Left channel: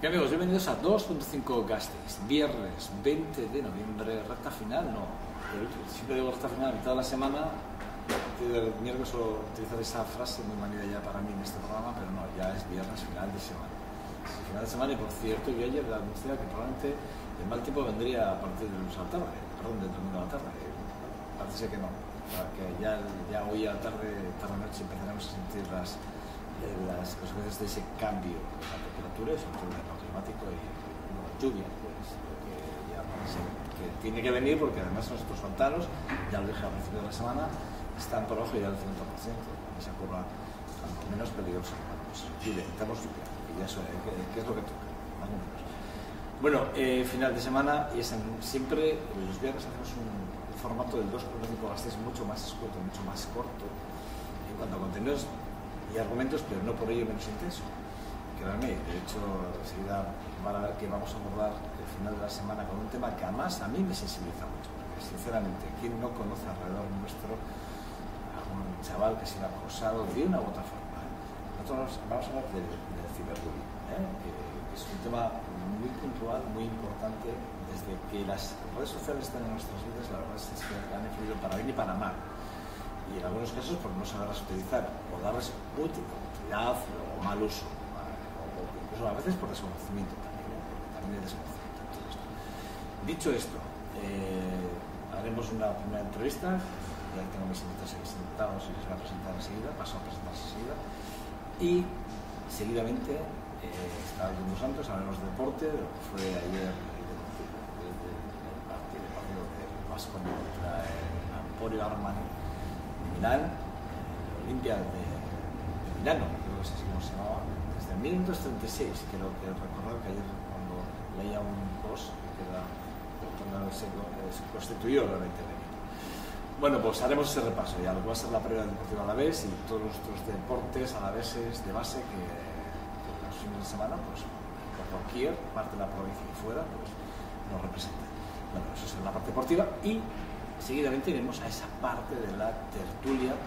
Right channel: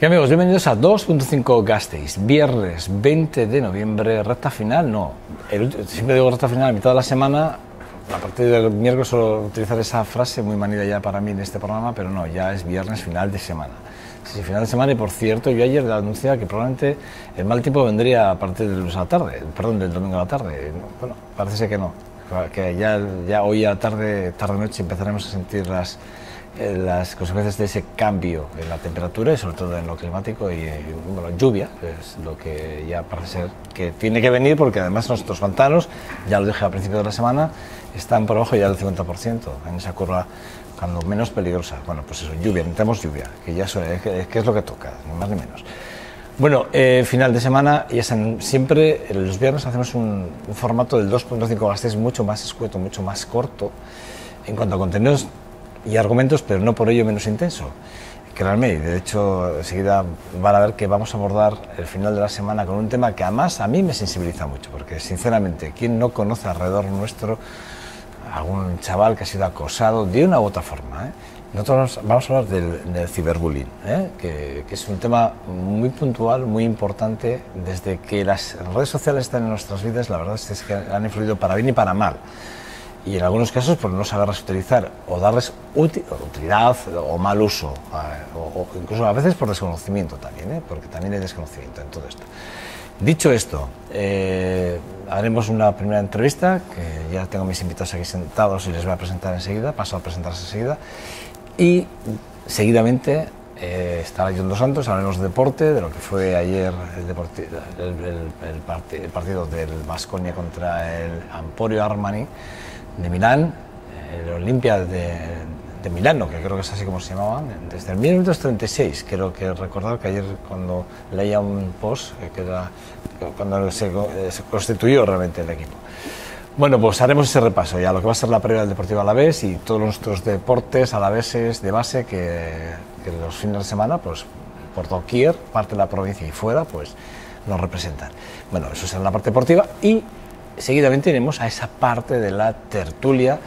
Y amigos, bienvenidos a 2.5 Gasteiz, viernes 20 de noviembre, recta final, no, siempre digo recta final, a mitad de la semana, a partir del miércoles suelo utilizar esa frase muy manida ya para mí en este programa, pero no, ya es viernes final de semana. Sí, final de semana, y por cierto, yo ayer anunciaba que probablemente el mal tiempo vendría a partir del lunes a la tarde, perdón, del domingo a la tarde. Bueno, parece ser que no, que ya hoy a tarde-noche empezaremos a sentir las consecuencias de ese cambio en la temperatura y sobre todo en lo climático y bueno, lluvia, es lo que ya parece ser que tiene que venir, porque además nuestros pantanos, ya lo dije al principio de la semana, están por abajo ya del 50% en esa curva cuando menos peligrosa. Bueno, pues eso, lluvia, necesitamos lluvia, que ya que es lo que toca, ni más ni menos. Bueno, final de semana, ya saben, siempre los viernes hacemos un formato del 2.5 Gasteiz mucho más escueto, mucho más corto en cuanto a contenidos y argumentos, pero no por ello menos intenso. Créanme, de hecho, enseguida van a ver que vamos a abordar el final de la semana con un tema que además a mí me sensibiliza mucho, porque sinceramente, ¿quién no conoce alrededor nuestro algún chaval que ha sido acosado de una u otra forma? Nosotros vamos a hablar del ciberbullying, que es un tema muy puntual, muy importante. Desde que las redes sociales están en nuestras vidas, la verdad es que han influido para bien y para mal. Y en algunos casos por no saberlas utilizar o darles utilidad o mal uso, o incluso a veces por desconocimiento también, porque también hay desconocimiento en todo esto. Dicho esto, haremos una primera entrevista, que ya tengo mis invitados aquí sentados y les voy a presentar enseguida, paso a presentarse enseguida, y seguidamente estará John Dos Santos, hablaremos de deporte, de lo que fue ayer el partido del Baskonia contra el Emporio Armani de Milán, el Olimpia de Milano, que creo que es así como se llamaban, desde el 1936, creo que recordar que ayer cuando leía un post, que era cuando se constituyó realmente el equipo. Bueno, pues haremos ese repaso ya, lo que va a ser la previa del Deportivo Alavés y todos nuestros deportes alaveses de base que los fines de semana, pues por doquier, parte de la provincia y fuera, pues nos representan. Bueno, eso será la parte deportiva y seguidamente iremos a esa parte de la tertulia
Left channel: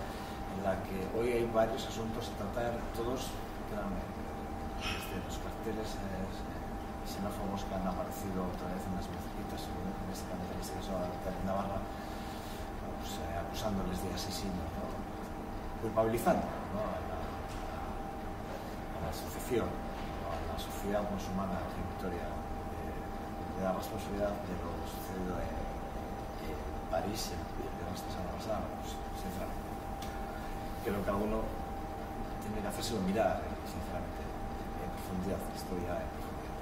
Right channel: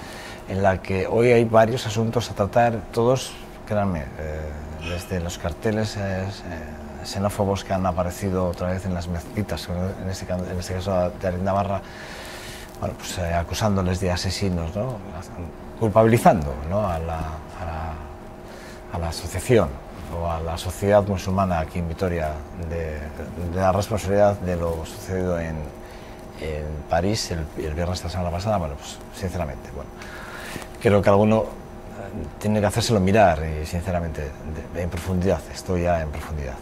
en la que hoy hay varios asuntos a tratar, todos, créanme, desde los carteles xenófobos que han aparecido otra vez en las mezquitas, en este caso de Arindabarra, bueno, pues acusándoles de asesinos, ¿no? Culpabilizando, ¿no? a la asociación o a la sociedad musulmana aquí en Vitoria de la responsabilidad de lo sucedido en París el viernes de la semana pasada. Bueno, pues sinceramente, bueno, creo que alguno tiene que hacérselo mirar y sinceramente en profundidad, estoy ya en profundidad,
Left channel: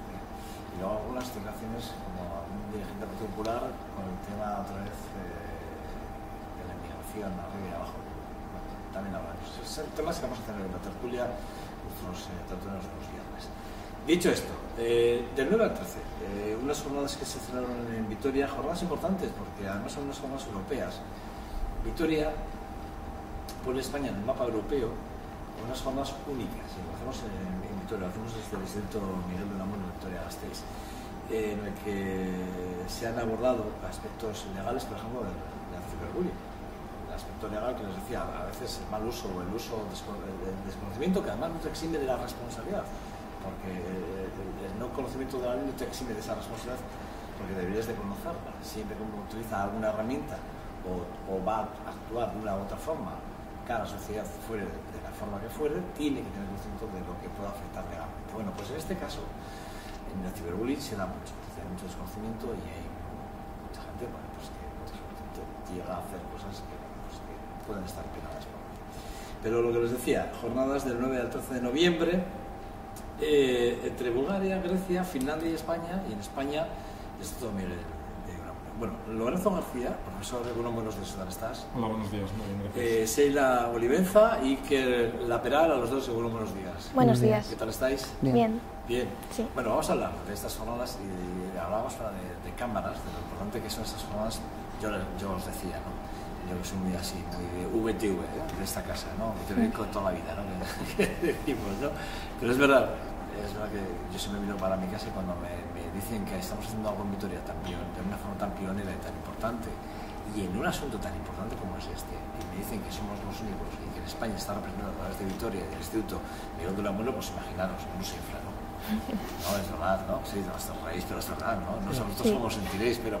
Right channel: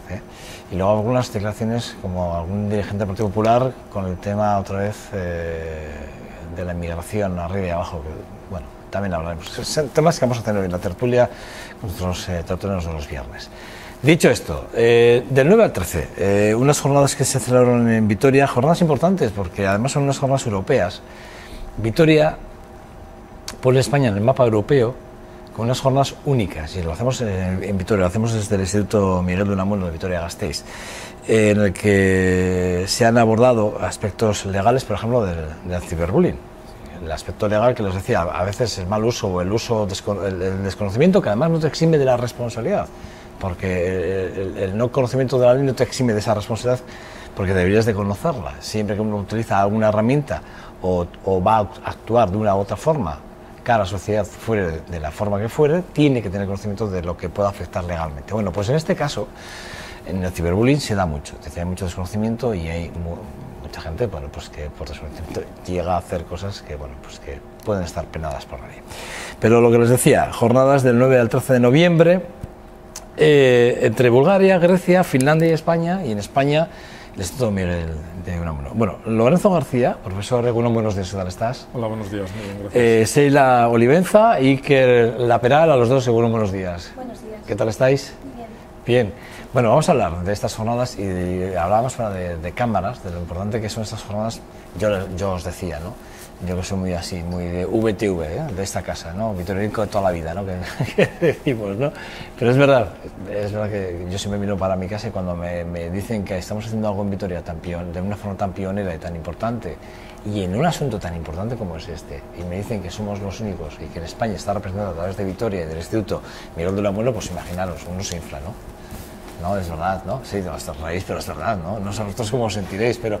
Y luego algunas declaraciones como algún dirigente del Partido Popular con el tema otra vez de la inmigración arriba y abajo, que, bueno, también hablaremos. Son temas que vamos a tener hoy en la tertulia con nuestros tertulianos de los viernes. Dicho esto, del 9 al 13, unas jornadas que se celebraron en Vitoria, jornadas importantes porque además son unas jornadas europeas. Vitoria pone España en el mapa europeo con unas jornadas únicas, y lo hacemos en Vitoria, lo hacemos desde el Instituto Miguel de Unamuno de Vitoria-Gasteiz, en el que se han abordado aspectos legales, por ejemplo, del ciberbullying. El aspecto legal que les decía, a veces el mal uso o el desconocimiento, que además no te exime de la responsabilidad, porque el no conocimiento de la ley no te exime de esa responsabilidad, porque deberías de conocerla. Siempre que uno utiliza alguna herramienta o va a actuar de una u otra forma, cada sociedad fuere de la forma que fuere, tiene que tener conocimiento de lo que pueda afectar legalmente. Bueno, pues en este caso, en el ciberbullying se da mucho, hay mucho desconocimiento y hay mucha gente, bueno, pues que por desconocimiento llega a hacer cosas que, bueno, pues que pueden estar penadas por la ley. Pero lo que les decía, jornadas del 9 al 13 de noviembre, entre Bulgaria, Grecia, Finlandia y España, y en España el Instituto Miguel de Unamuno. Bueno, Lorenzo García, profesor Egunon, buenos días, ¿qué tal estás? Hola, buenos días, muy bien, gracias. Seila Olivenza y Iker Laperal, a los dos, Egunon, buenos días. Buenos días. ¿Qué tal estáis? Bien. Bien. Sí. Bueno, vamos a hablar de estas jornadas y hablábamos de cámaras, de lo importante que son estas jornadas. Yo os decía, ¿no? Yo que soy muy así, muy de VTV, de esta casa, ¿no? Vitorianico de toda la vida, ¿no? Que decimos, ¿no? Pero es verdad que yo siempre miro para mi casa y cuando me dicen que estamos haciendo algo en Vitoria de una forma tan pionera y tan importante, y en un asunto tan importante como es este, y me dicen que somos los únicos y que en España está representado a través de Vitoria y del Instituto Miguel de Unamuno, pues imaginaros, uno se infla, ¿no? No, es verdad, ¿no? Sí, no, hasta raíz, pero es verdad, ¿no? No sé vosotros cómo os sentiréis, pero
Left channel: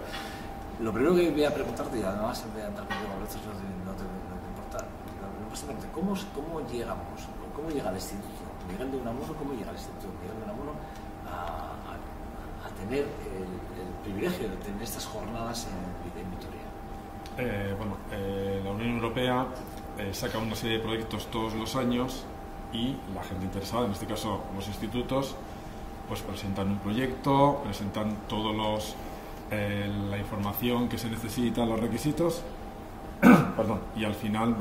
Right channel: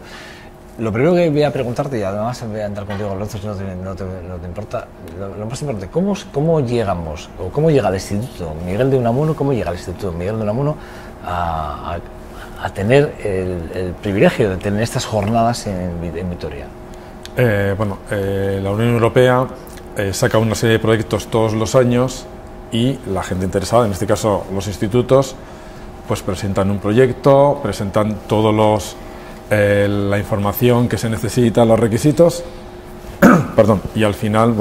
lo primero que voy a preguntarte, y además voy a entrar contigo, Lorenzo, si no te importa, lo más importante, ¿cómo llegamos, o cómo llega el Instituto Miguel de Unamuno, cómo llega el Instituto Miguel de Unamuno a tener el privilegio de tener estas jornadas en Vitoria? La Unión Europea saca una serie de proyectos todos los años y la gente interesada, en este caso los institutos, pues presentan un proyecto, presentan todos la información que se necesita, los requisitos, perdón, y al final,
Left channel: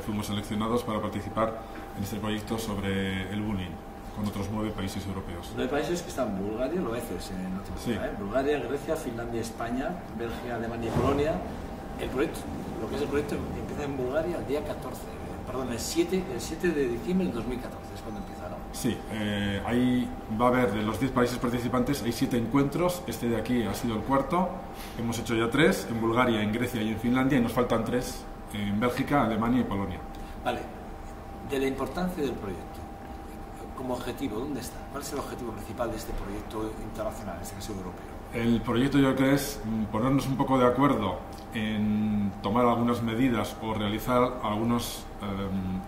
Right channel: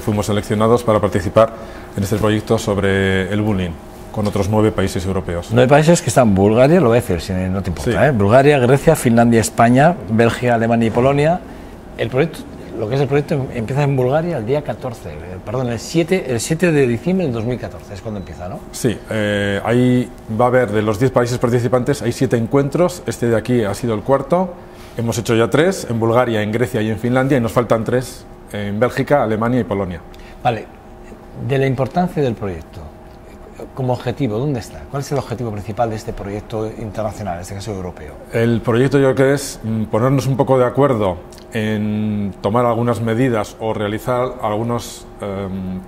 fuimos seleccionados para participar en este proyecto sobre el bullying con otros 9 países europeos. 9 países que están Bulgaria, lo voy a decir si no te importa, sí. Bulgaria, Grecia, Finlandia, España, Bélgica, Alemania y Polonia. El proyecto, lo que es el proyecto, empieza en Bulgaria el día el 7 de diciembre del 2014, es cuando empieza, ¿no? Sí, ahí va a haber, de los 10 países participantes, hay 7 encuentros, este de aquí ha sido el cuarto, hemos hecho ya 3, en Bulgaria, en Grecia y en Finlandia, y nos faltan 3 en Bélgica, Alemania y Polonia. Vale, de la importancia del proyecto, como objetivo, ¿dónde está? ¿Cuál es el objetivo principal de este proyecto internacional, en este caso europeo? El proyecto yo creo que es ponernos un poco de acuerdo en tomar algunas medidas o realizar algunos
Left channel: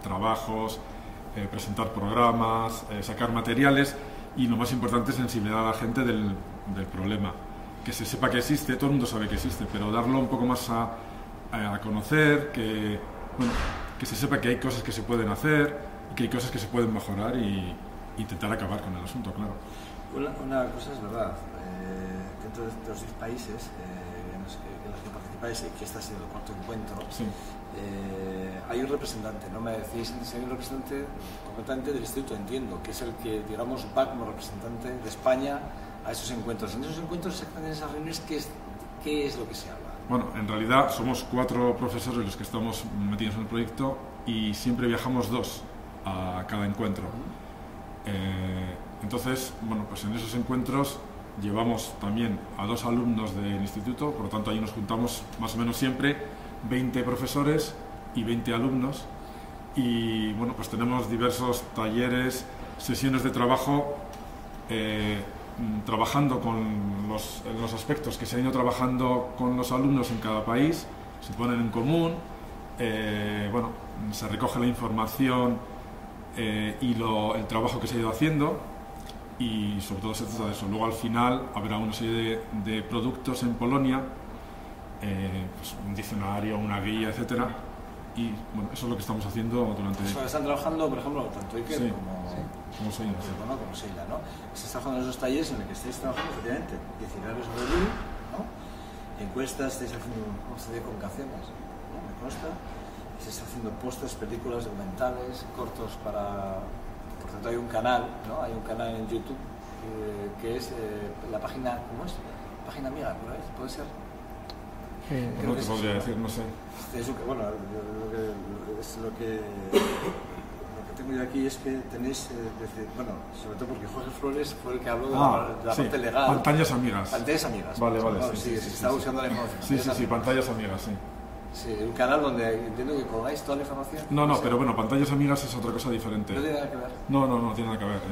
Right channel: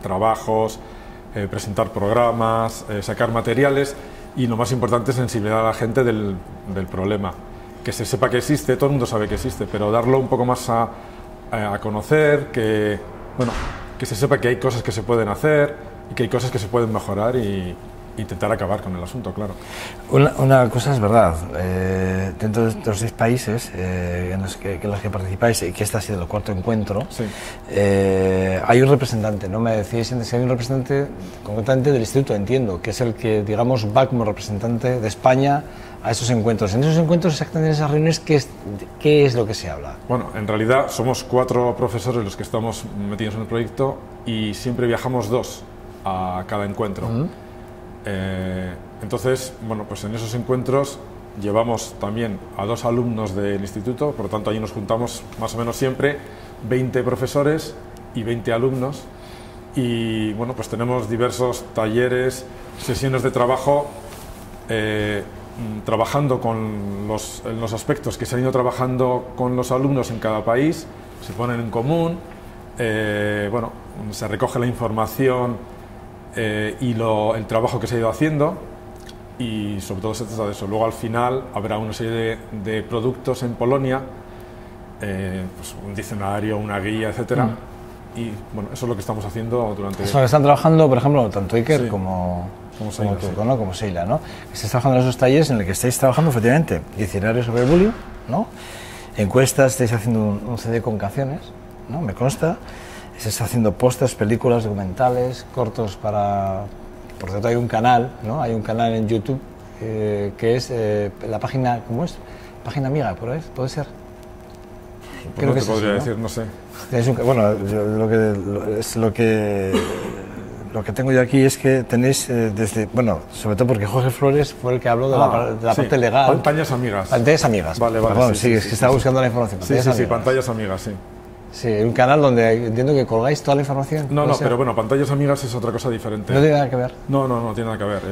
trabajos, presentar programas, sacar materiales y lo más importante es sensibilizar a la gente del problema. Que se sepa que existe, todo el mundo sabe que existe, pero darlo un poco más a conocer, que se sepa que hay cosas que se pueden hacer y que hay cosas que se pueden mejorar y intentar acabar con el asunto, claro. Una cosa es verdad, dentro de los 6 países en los que participáis, y que este ha sido el cuarto encuentro, sí. Hay un representante, no me decís si hay un representante concretamente del Instituto, entiendo, que es el que, digamos, va como representante de España a esos encuentros. En esos encuentros, exactamente en esas reuniones, ¿qué es lo que se habla? Bueno, en realidad somos 4 profesores los que estamos metidos en el proyecto y siempre viajamos 2 a cada encuentro. Entonces, pues en esos encuentros llevamos también a 2 alumnos del instituto, por lo tanto allí nos juntamos más o menos siempre 20 profesores y 20 alumnos y pues tenemos diversos talleres, sesiones de trabajo, trabajando con los aspectos que se han ido trabajando con los alumnos en cada país, se ponen en común, se recoge la información y el trabajo que se ha ido haciendo y sobre todo se trata de eso. Luego al final habrá una serie de productos en Polonia, un diccionario, una guía, etcétera. Y eso es lo que estamos haciendo durante... Eso están trabajando, por ejemplo, tanto Iker como tú, ¿no? Como Sheila, ¿no? Estáis trabajando en esos talleres en los que estáis trabajando efectivamente diccionario sobre el bullying, ¿no? Encuestas, estáis haciendo un CD con canciones, ¿no? Me consta. Se está haciendo pósters, películas, documentales, cortos para... Por cierto, hay un canal, ¿no? Hay un canal en YouTube que es la página... ¿Cómo es? Página amiga, ¿puede ser? Creo que te podría decir, no sé. Lo que tengo yo aquí es que tenéis desde... sobre todo porque Jorge Flores fue el que habló de la parte legal. Pantallas amigas. Pantallas amigas. Vale, perdón, sí, es que estaba buscando la información. Sí, pantallas amigas, sí. Sí, un canal donde entiendo que colgáis toda la información. No, pero pantallas amigas es otra cosa diferente. ¿No tiene nada que ver? No tiene nada que ver.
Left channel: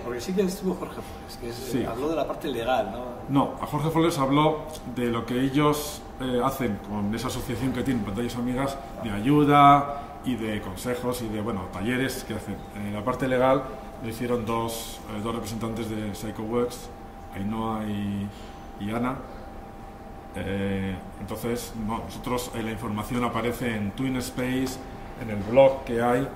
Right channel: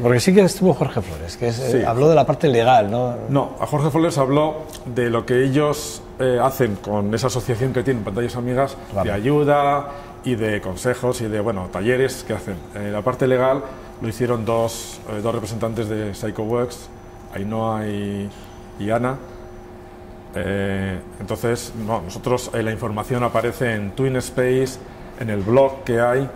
Porque sí que estuvo Jorge Flores, que habló de la parte legal, ¿no? No, a Jorge Flores habló de lo que ellos hacen con esa asociación que tienen, Pantallas Amigas, de ayuda y de consejos y de, talleres que hacen. La parte legal lo hicieron dos representantes de PsychoWorks, Ainhoa y Ana. Entonces, nosotros la información aparece en TwinSpace, en el blog que hay,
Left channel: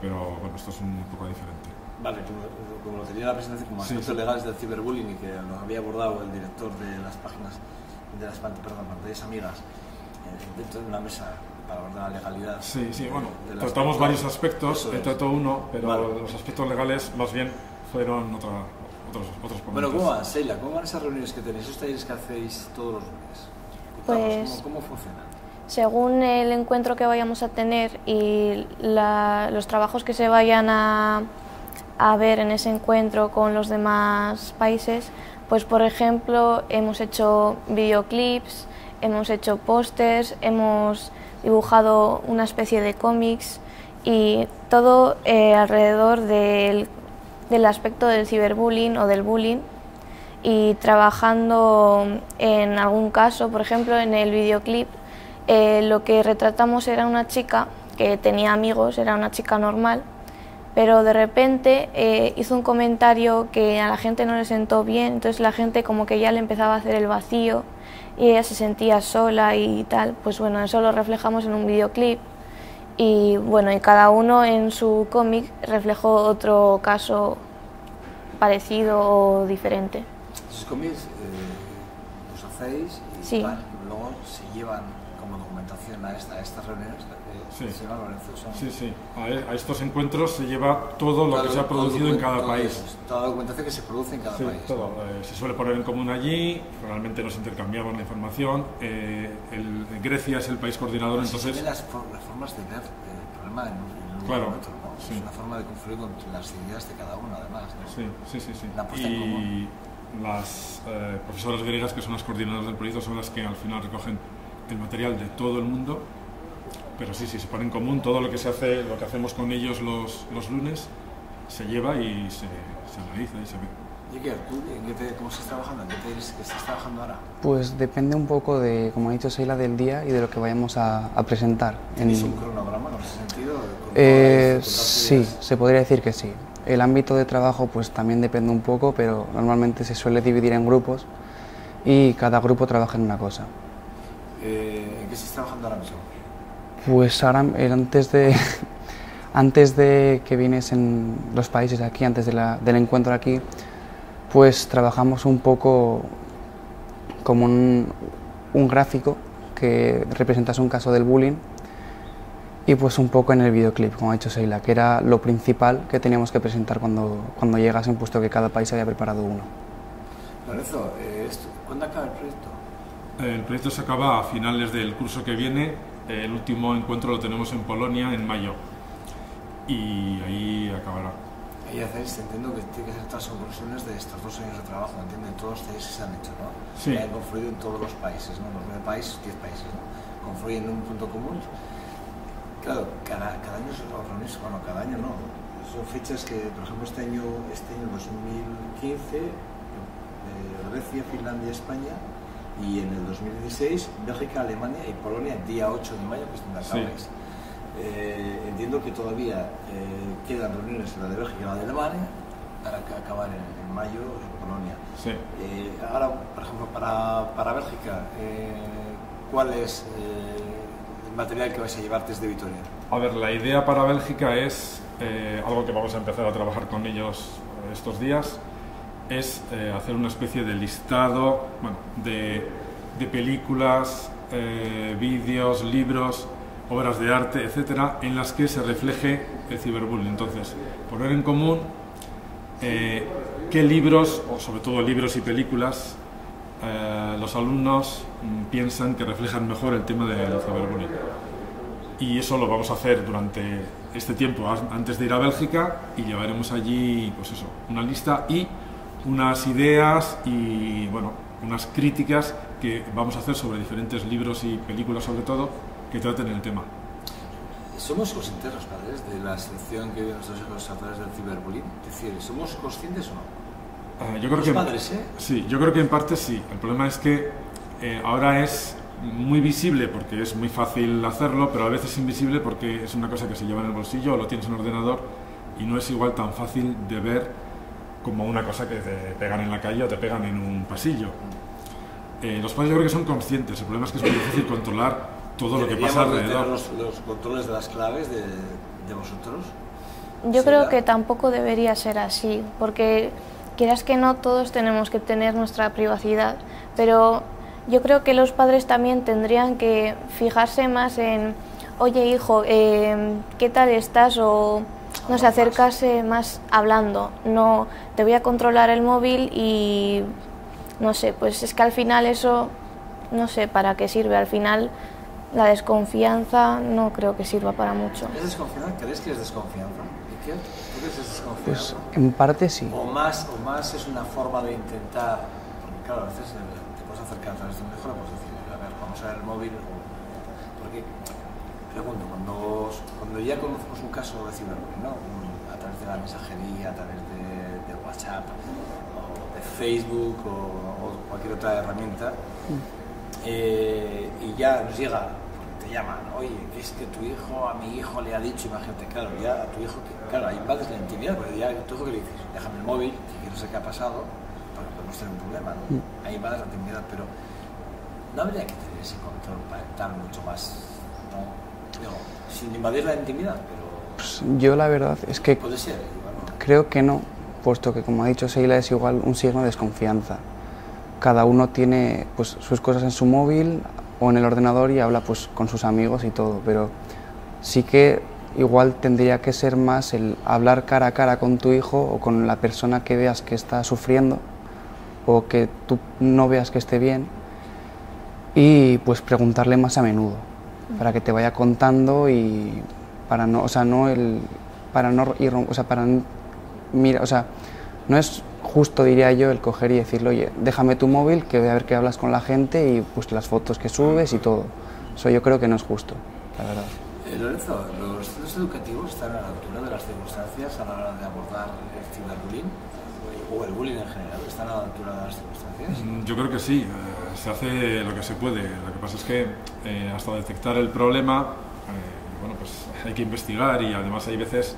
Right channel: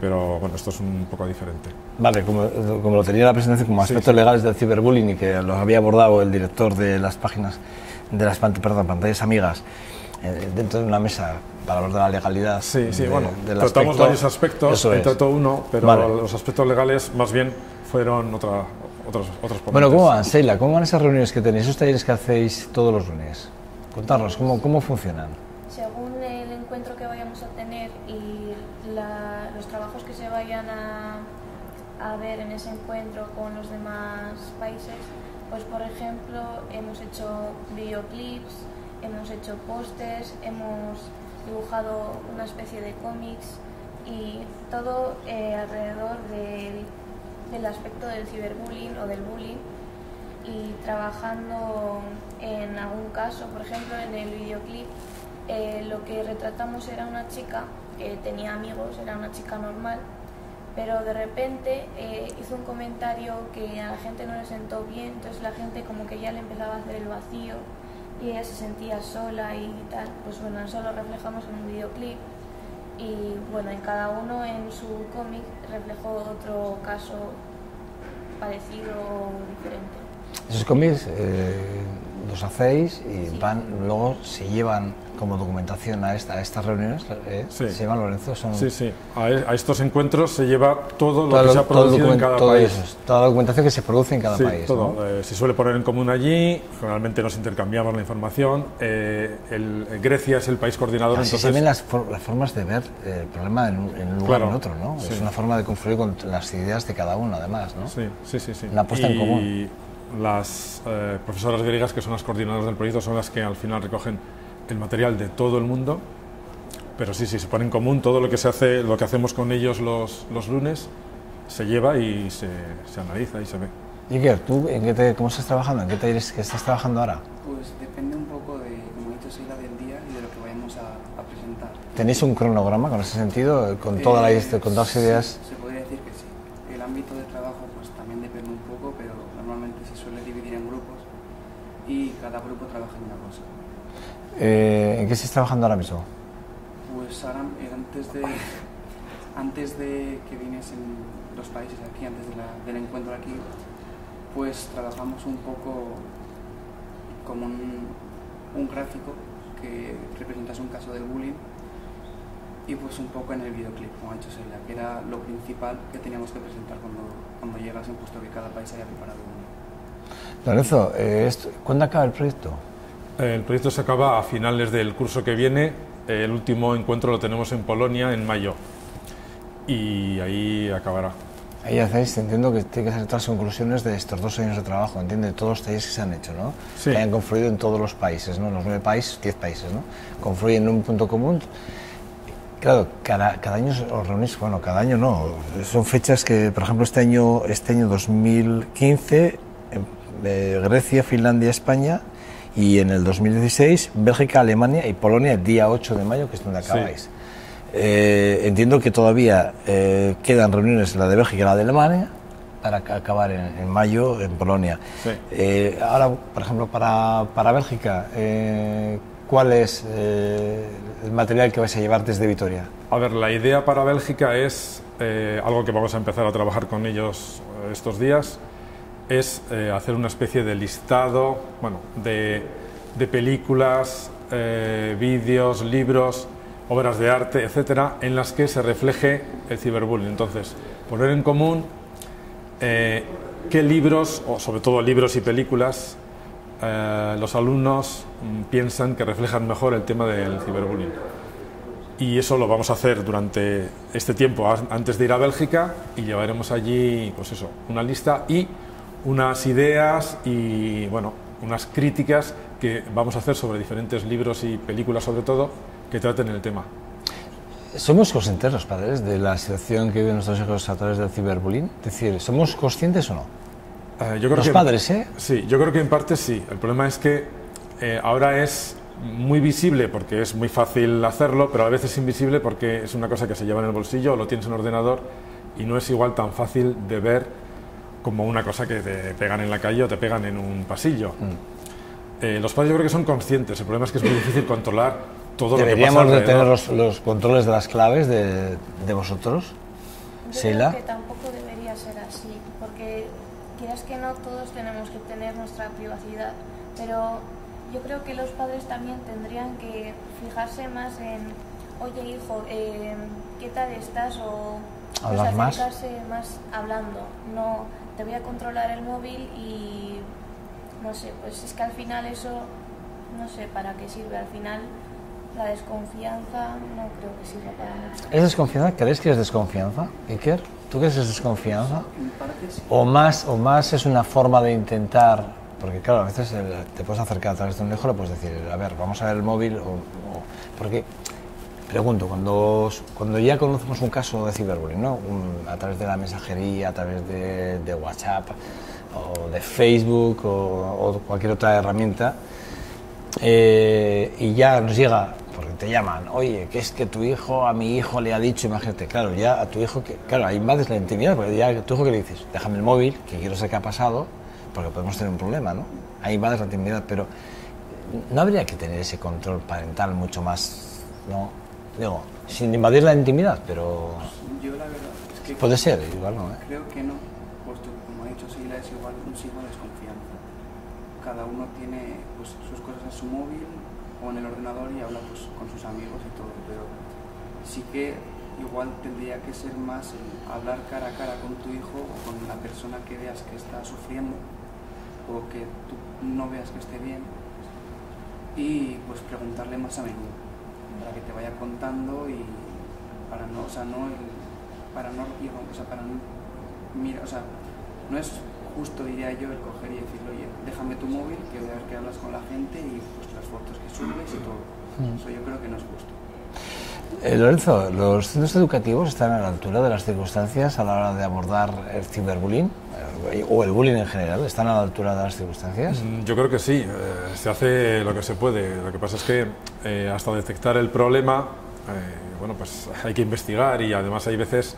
pero esto es un poco diferente. Vale, como lo tenía la presentación como aspectos legales del ciberbullying y que los había abordado el director de las páginas, de las pantallas amigas, dentro de una mesa para hablar de la legalidad. Tratamos varios aspectos, trató uno, pero los aspectos legales más bien fueron otros ponentes. Bueno, ¿cómo van, Sheila? ¿Cómo van esas reuniones que tenéis, esos talleres que hacéis todos los lunes? Contarnos, ¿cómo funcionan? Según el encuentro que vayamos a tener y los trabajos que se vayan a ver en ese encuentro con los demás países, pues por ejemplo hemos hecho videoclips, hemos hecho pósters, hemos dibujado una especie de cómics y todo alrededor del aspecto del ciberbullying o del bullying, y trabajando en algún caso. Por ejemplo, en el videoclip lo que retratamos era una chica que tenía amigos, era una chica normal, pero de repente hizo un comentario que a la gente no le sentó bien, entonces la gente como que ya le empezaba a hacer el vacío y ella se sentía sola y tal. Pues bueno, eso lo reflejamos en un videoclip, y bueno, y cada uno en su cómic reflejó otro caso parecido o diferente. Esos cómics los hacéis y Sí. luego se llevan como documentación a estas reuniones, Sí. se llevan, Lorenzo, son Sí, sí. A estos encuentros se lleva todo lo que se ha producido en cada país. toda la documentación que se produce en cada Sí, país. todo. ¿no? Se suele poner en común allí, generalmente nos intercambiamos la información. Grecia es el país coordinador, Así entonces... se ven las formas de ver el problema en un lugar Claro, o en otro, ¿no? sí. Es una forma de confluir con las ideas de cada uno, además, ¿no? Sí, sí, sí, sí. La puesta en común. Y las profesoras griegas, que son las coordinadoras del proyecto, son las que al final recogen el material de todo el mundo, pero sí, se pone en común todo lo que se hace, lo que hacemos con ellos los lunes, se lleva y se analiza y se ve. Iker, ¿tú cómo estás trabajando? ¿En qué talleres que estás trabajando ahora? Pues depende un poco de, como ha dicho Sheila, del día y de lo que vayamos a presentar. ¿Tenéis un cronograma con ese sentido? ¿Con todas las ideas? Sí, se podría decir que sí. El ámbito de trabajo pues también depende un poco, pero normalmente se suele dividir en grupos y cada grupo trabaja en una cosa. ¿En qué estás trabajando ahora mismo? Pues ahora, antes de que viniesen los países aquí, antes del encuentro aquí, pues trabajamos un poco como un gráfico que representase un caso del bullying, y pues un poco en el videoclip, como ha dicho Sheila, que era lo principal que teníamos que presentar cuando llegasen, puesto que cada país había preparado uno. Lorenzo, ¿cuándo acaba el proyecto? El proyecto se acaba a finales del curso que viene. El último encuentro lo tenemos en Polonia en mayo y ahí acabará. Ahí hacéis, entiendo que tiene que hacer todas las conclusiones de estos 2 años de trabajo, entiendo, de todos los talleres que se han hecho, ¿no? Sí. Que hayan confluido en todos los países, ¿no? Los 9 países, 10 países, ¿no? Confluyen en un punto común. Claro, cada año os reunís, bueno, cada año no, son fechas que, por ejemplo, este año 2015, Grecia, Finlandia, España, y en el 2016, Bélgica, Alemania y Polonia, el día 8 de mayo, que es donde acabáis. Sí. Entiendo que todavía quedan reuniones, la de Bélgica y la de Alemania, para acabar en mayo en Polonia. Sí. Ahora, por ejemplo, para Bélgica, ¿cuál es el material que vais a llevar desde Vitoria? A ver, la idea para Bélgica es algo que vamos a empezar a trabajar con ellos estos días, es hacer una especie de listado, bueno, de películas, vídeos, libros, obras de arte, etcétera, en las que se refleje el ciberbullying. Entonces, poner en común qué libros, o sobre todo libros y películas, los alumnos piensan que reflejan mejor el tema del ciberbullying. Y eso lo vamos a hacer durante este tiempo antes de ir a Bélgica, y llevaremos allí, pues eso, una lista y unas ideas y, bueno, unas críticas que vamos a hacer sobre diferentes libros y películas, sobre todo, que traten el tema. ¿Somos conscientes los padres de la situación que viven nuestros hijos a través del ciberbullying? Es decir, ¿somos conscientes o no? Yo creo Los que, padres, ¿eh? Sí, yo creo que en parte sí. El problema es que ahora es muy visible porque es muy fácil hacerlo, pero a veces es invisible porque es una cosa que se lleva en el bolsillo o lo tienes en el ordenador y no es igual tan fácil de ver como una cosa que te pegan en la calle o te pegan en un pasillo. Los padres yo creo que son conscientes, el problema es que es muy difícil controlar todo lo que pasa ¿Deberíamos de alrededor. tener los controles de las claves de vosotros? Yo Sheila. creo que tampoco debería ser así, porque quieras que no, todos tenemos que tener nuestra privacidad, pero yo creo que los padres también tendrían que fijarse más en, oye hijo, ¿qué tal estás? O no sé, Hablar más. acercarse más hablando, no te voy a controlar el móvil y no sé, pues es que al final eso, no sé para qué sirve, al final La desconfianza no creo que sirva para mucho. ¿Es desconfianza? ¿Crees que es desconfianza, Iker? ¿Tú crees que es desconfianza? Pues, en parte sí. O más es una forma de intentar, porque claro, a veces te puedes acercar a través de un hijo, le puedes decir, a ver, vamos a ver el móvil, porque, pregunto, cuando ya conocemos un caso de ciberbullying, ¿no? A través de la mensajería, a través de WhatsApp, o de Facebook, o cualquier otra herramienta, y ya nos llega, porque te llaman, oye, que es que tu hijo, a mi hijo le ha dicho, imagínate, claro, ya a tu hijo, claro, ahí invades la intimidad, porque ya a tu hijo que le dices, déjame el móvil, que quiero saber qué ha pasado, porque podemos tener un problema, ¿no? Ahí invades la intimidad, pero no habría que tener ese control parental mucho más, ¿no? Digo, sin invadir la intimidad, pero... Pues yo la verdad es que puede ser, igual no. Creo que no, puesto que como ha dicho Seila es igual un signo de desconfianza. Cada uno tiene pues, sus cosas en su móvil o en el ordenador y habla pues, con sus amigos y todo, pero sí que igual tendría que ser más el hablar cara a cara con tu hijo o con la persona que veas que está sufriendo o que tú no veas que esté bien y pues preguntarle más a menudo para que te vaya contando y para no, o sea, no el, para no ir, o sea, para mira, o sea, no es justo, diría yo, el coger y decirle, oye, déjame tu móvil, que voy a ver que hablas con la gente y pues las fotos que subes y todo. Eso yo creo que no es justo, la verdad. Lorenzo, ¿los centros educativos están a la altura de las circunstancias a la hora de abordar el ciberbullying? ¿O el bullying en general? ¿Están a la altura de las circunstancias? Yo creo que sí, se hace lo que se puede. Lo que pasa es que hasta detectar el problema, bueno, pues hay que investigar y además hay veces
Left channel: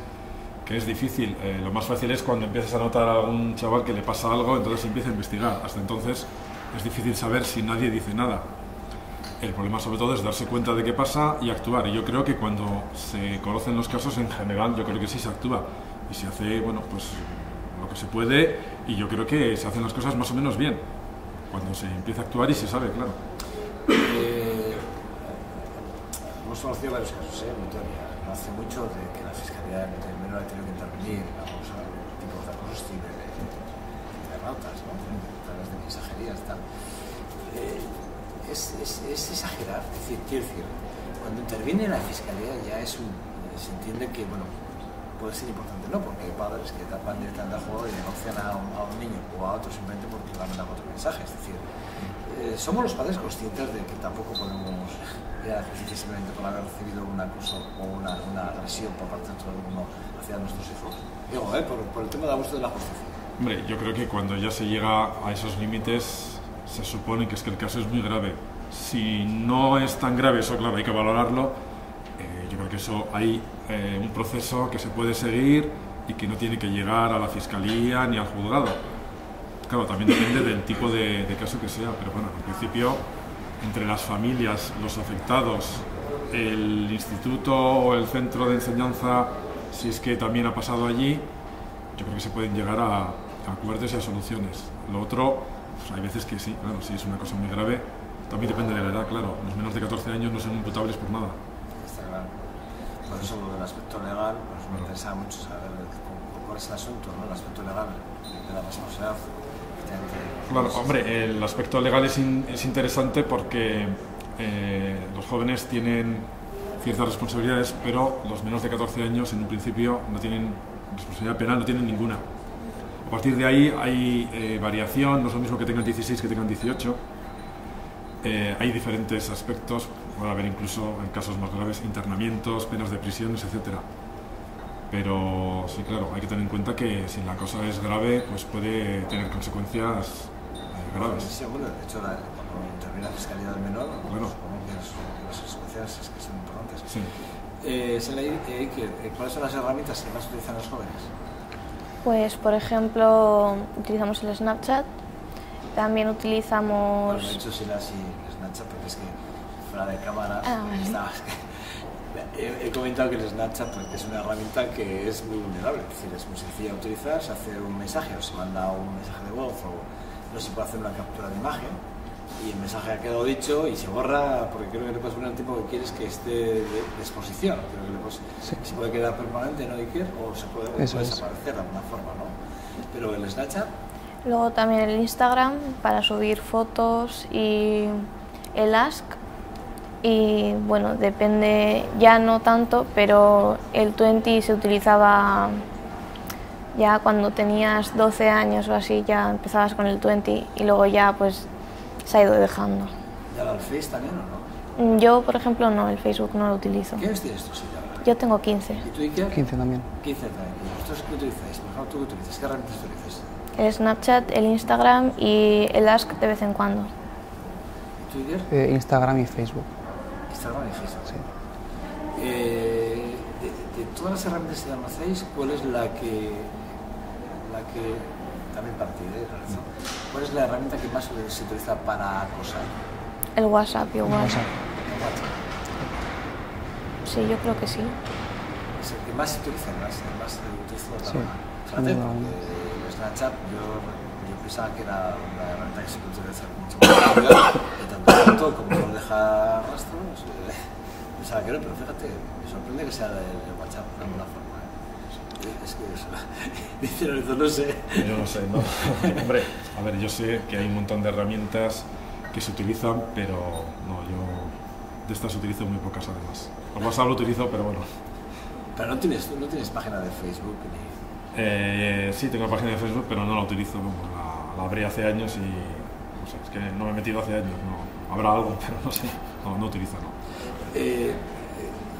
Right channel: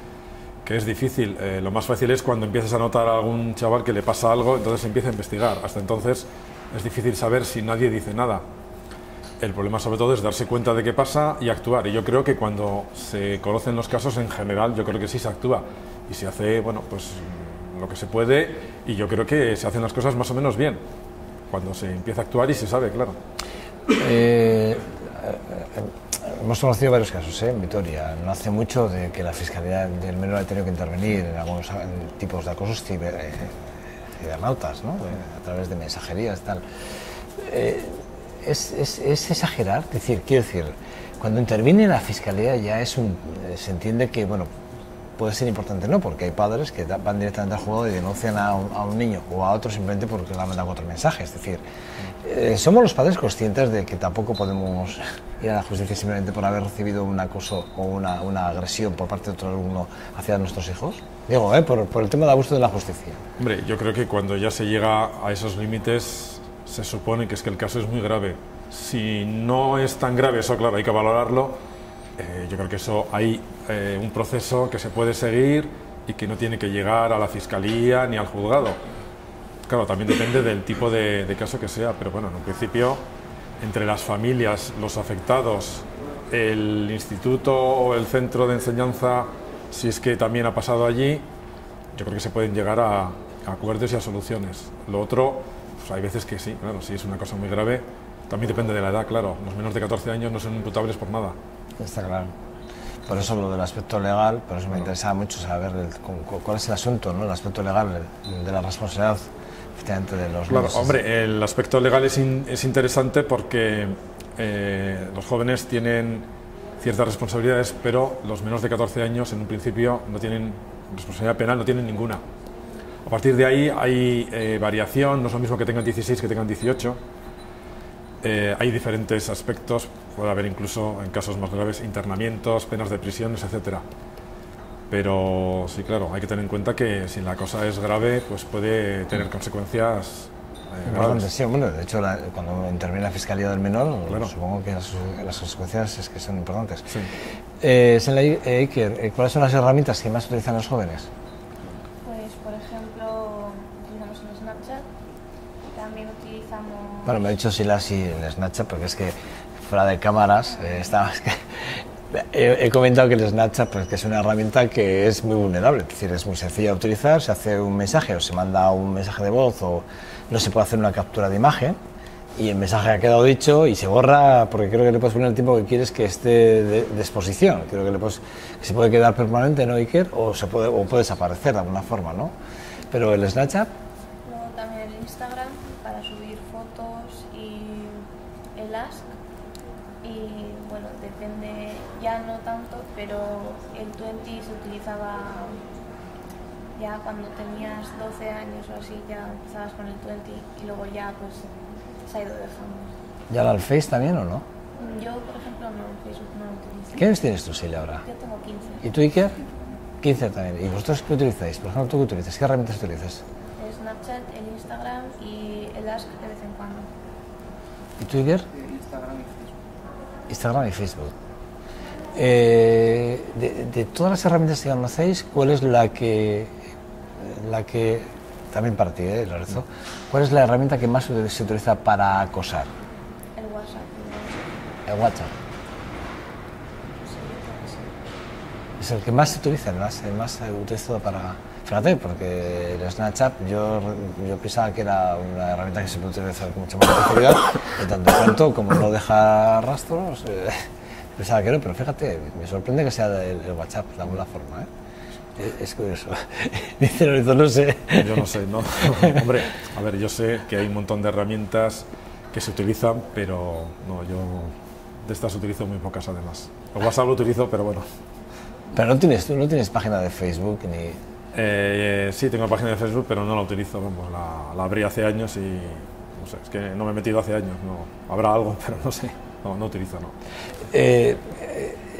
que es difícil. Lo más fácil es cuando empiezas a notar a algún chaval que le pasa algo, entonces empieza a investigar. Hasta entonces es difícil saber si nadie dice nada. El problema sobre todo es darse cuenta de qué pasa y actuar. Y yo creo que cuando se conocen los casos en general, yo creo que sí se actúa. Y se hace, bueno, pues lo que se puede y yo creo que se hacen las cosas más o menos bien. Cuando se empieza a actuar y se sabe, claro. Hemos conocido varios casos en Vitoria. No hace mucho de que la Fiscalía del Menor ha tenido que intervenir en algunos tipos de acosos cibernautas, ¿no? A través de mensajerías y tal. ¿Es exagerar? Es decir, quiero decir, cuando interviene la Fiscalía ya se entiende que, bueno, puede ser importante, ¿no? Porque hay padres que van directamente al juzgado y denuncian a un niño o a otro simplemente porque le han mandado otro mensaje. Es decir, ¿somos los padres conscientes de que tampoco podemos ir a la justicia simplemente por haber recibido un acoso o una agresión por parte de otro alumno hacia nuestros hijos? Digo, por el tema de abuso de la justicia. Hombre, yo creo que cuando ya se llega a esos límites se supone que es que el caso es muy grave. Si no es tan grave, eso claro, hay que valorarlo. Yo creo que eso hay un proceso que se puede seguir y que no tiene que llegar a la Fiscalía ni al juzgado. Claro, también depende del tipo de caso que sea, pero bueno, en principio, entre las familias, los afectados, el instituto o el centro de enseñanza, si es que también ha pasado allí, yo creo que se pueden llegar a acuerdos y a soluciones. Lo otro, pues hay veces que sí, claro, si es una cosa muy grave, también depende de la edad, claro. Los menores de 14 años no son imputables por nada. Está claro. Por eso lo del aspecto legal, por eso me interesaba mucho saber cuál es el asunto, ¿no? El aspecto legal de la responsabilidad efectivamente de los... Claro, hombre, el aspecto legal es interesante porque los jóvenes tienen ciertas responsabilidades, pero los menores de 14 años en un principio no tienen responsabilidad penal, no tienen ninguna. A partir de ahí hay variación, no es lo mismo que tengan 16 que tengan 18. Hay diferentes aspectos, puede haber incluso en casos más graves internamientos, penas de prisiones, etcétera. Pero sí, claro, hay que tener en cuenta que si la cosa es grave, pues puede tener consecuencias graves. Sí, bueno, de hecho, cuando interviene la Fiscalía del Menor, claro, supongo que las consecuencias es que son importantes. Sí. Iker, ¿cuáles son las herramientas que más utilizan los jóvenes? Pues, por ejemplo, utilizamos el Snapchat. También utilizamos... Bueno, me he dicho Silas y el Snapchat porque es que fuera de cámaras he comentado que el Snapchat pues, que es una herramienta que es muy vulnerable, es decir, es muy sencilla de utilizar, se hace un mensaje o se manda un mensaje de voz o no se puede hacer una captura de imagen y el mensaje ha quedado dicho y se borra porque creo que le puedes poner el tiempo que quieres que esté de exposición, creo que que se puede quedar permanente, ¿no, Iker? O puede desaparecer de alguna forma, ¿no? Pero el Snapchat... Luego también el Instagram para subir fotos y el Ask y bueno, depende, ya no tanto, pero el 20 se utilizaba ya cuando tenías 12 años o así, ya empezabas con el 20 y luego ya pues se ha ido dejando. ¿Y ahora el Face también o no? Yo, por ejemplo, no, el Facebook no lo utilizo. ¿Qué años tienes tú, Silvia, ahora? Yo tengo 15. ¿Y tú, Iker? 15 también. 15 también. ¿Y vosotros qué utilizáis? Por ejemplo, ¿tú qué utilizas? ¿Qué herramientas utilizas? El Snapchat, el Instagram y el Ask de vez en cuando. ¿Y tú, Iker? Instagram y Facebook. Instagram y Facebook. De todas las herramientas que conocéis, ¿cuál es la que también para ti, Lorenzo, cuál es la herramienta que más se utiliza para acosar? El WhatsApp, igual. El WhatsApp. Sí, yo creo que sí. Es el que más se utiliza, el más utilizado para... Sí. Fíjate, porque el Snapchat yo pensaba que era una herramienta que se puede utilizar con mucha más facilidad, de tanto en tanto como no deja rastros, pensaba que no, pero fíjate, me sorprende que sea el WhatsApp de alguna forma, Es curioso. Dice Lorenzo, no sé. Yo no sé, no. Hombre, a ver, yo sé que hay un montón de herramientas que se utilizan, pero no, yo de estas utilizo muy pocas además. El WhatsApp lo utilizo, pero bueno. Pero tú no tienes página de Facebook ni... Sí, tengo página de Facebook, pero no la utilizo. Vamos, la abrí hace años y no sé, es que no me he metido hace años. No, habrá algo, pero no sé. No utilizo, no.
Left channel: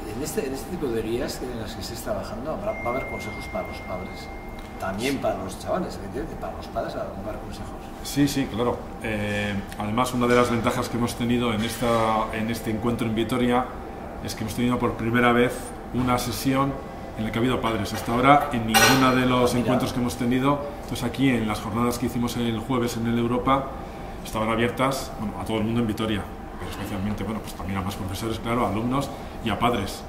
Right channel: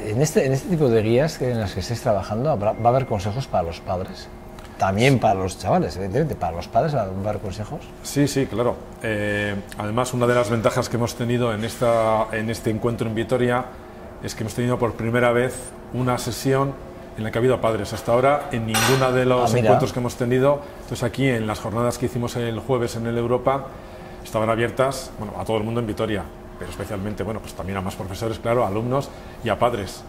En este tipo de guías en las que estés trabajando, ¿va a haber consejos para los padres? También para los chavales, evidentemente. ¿Para los padres va a haber consejos? Sí, claro. Además, una de las ventajas que hemos tenido en este encuentro en Vitoria es que hemos tenido por primera vez una sesión en la que ha habido padres. Hasta ahora, en ninguno de los encuentros que hemos tenido, entonces aquí en las jornadas que hicimos el jueves en el Europa, estaban abiertas a todo el mundo en Vitoria, pero especialmente, pues también a más profesores, claro, a alumnos y a padres,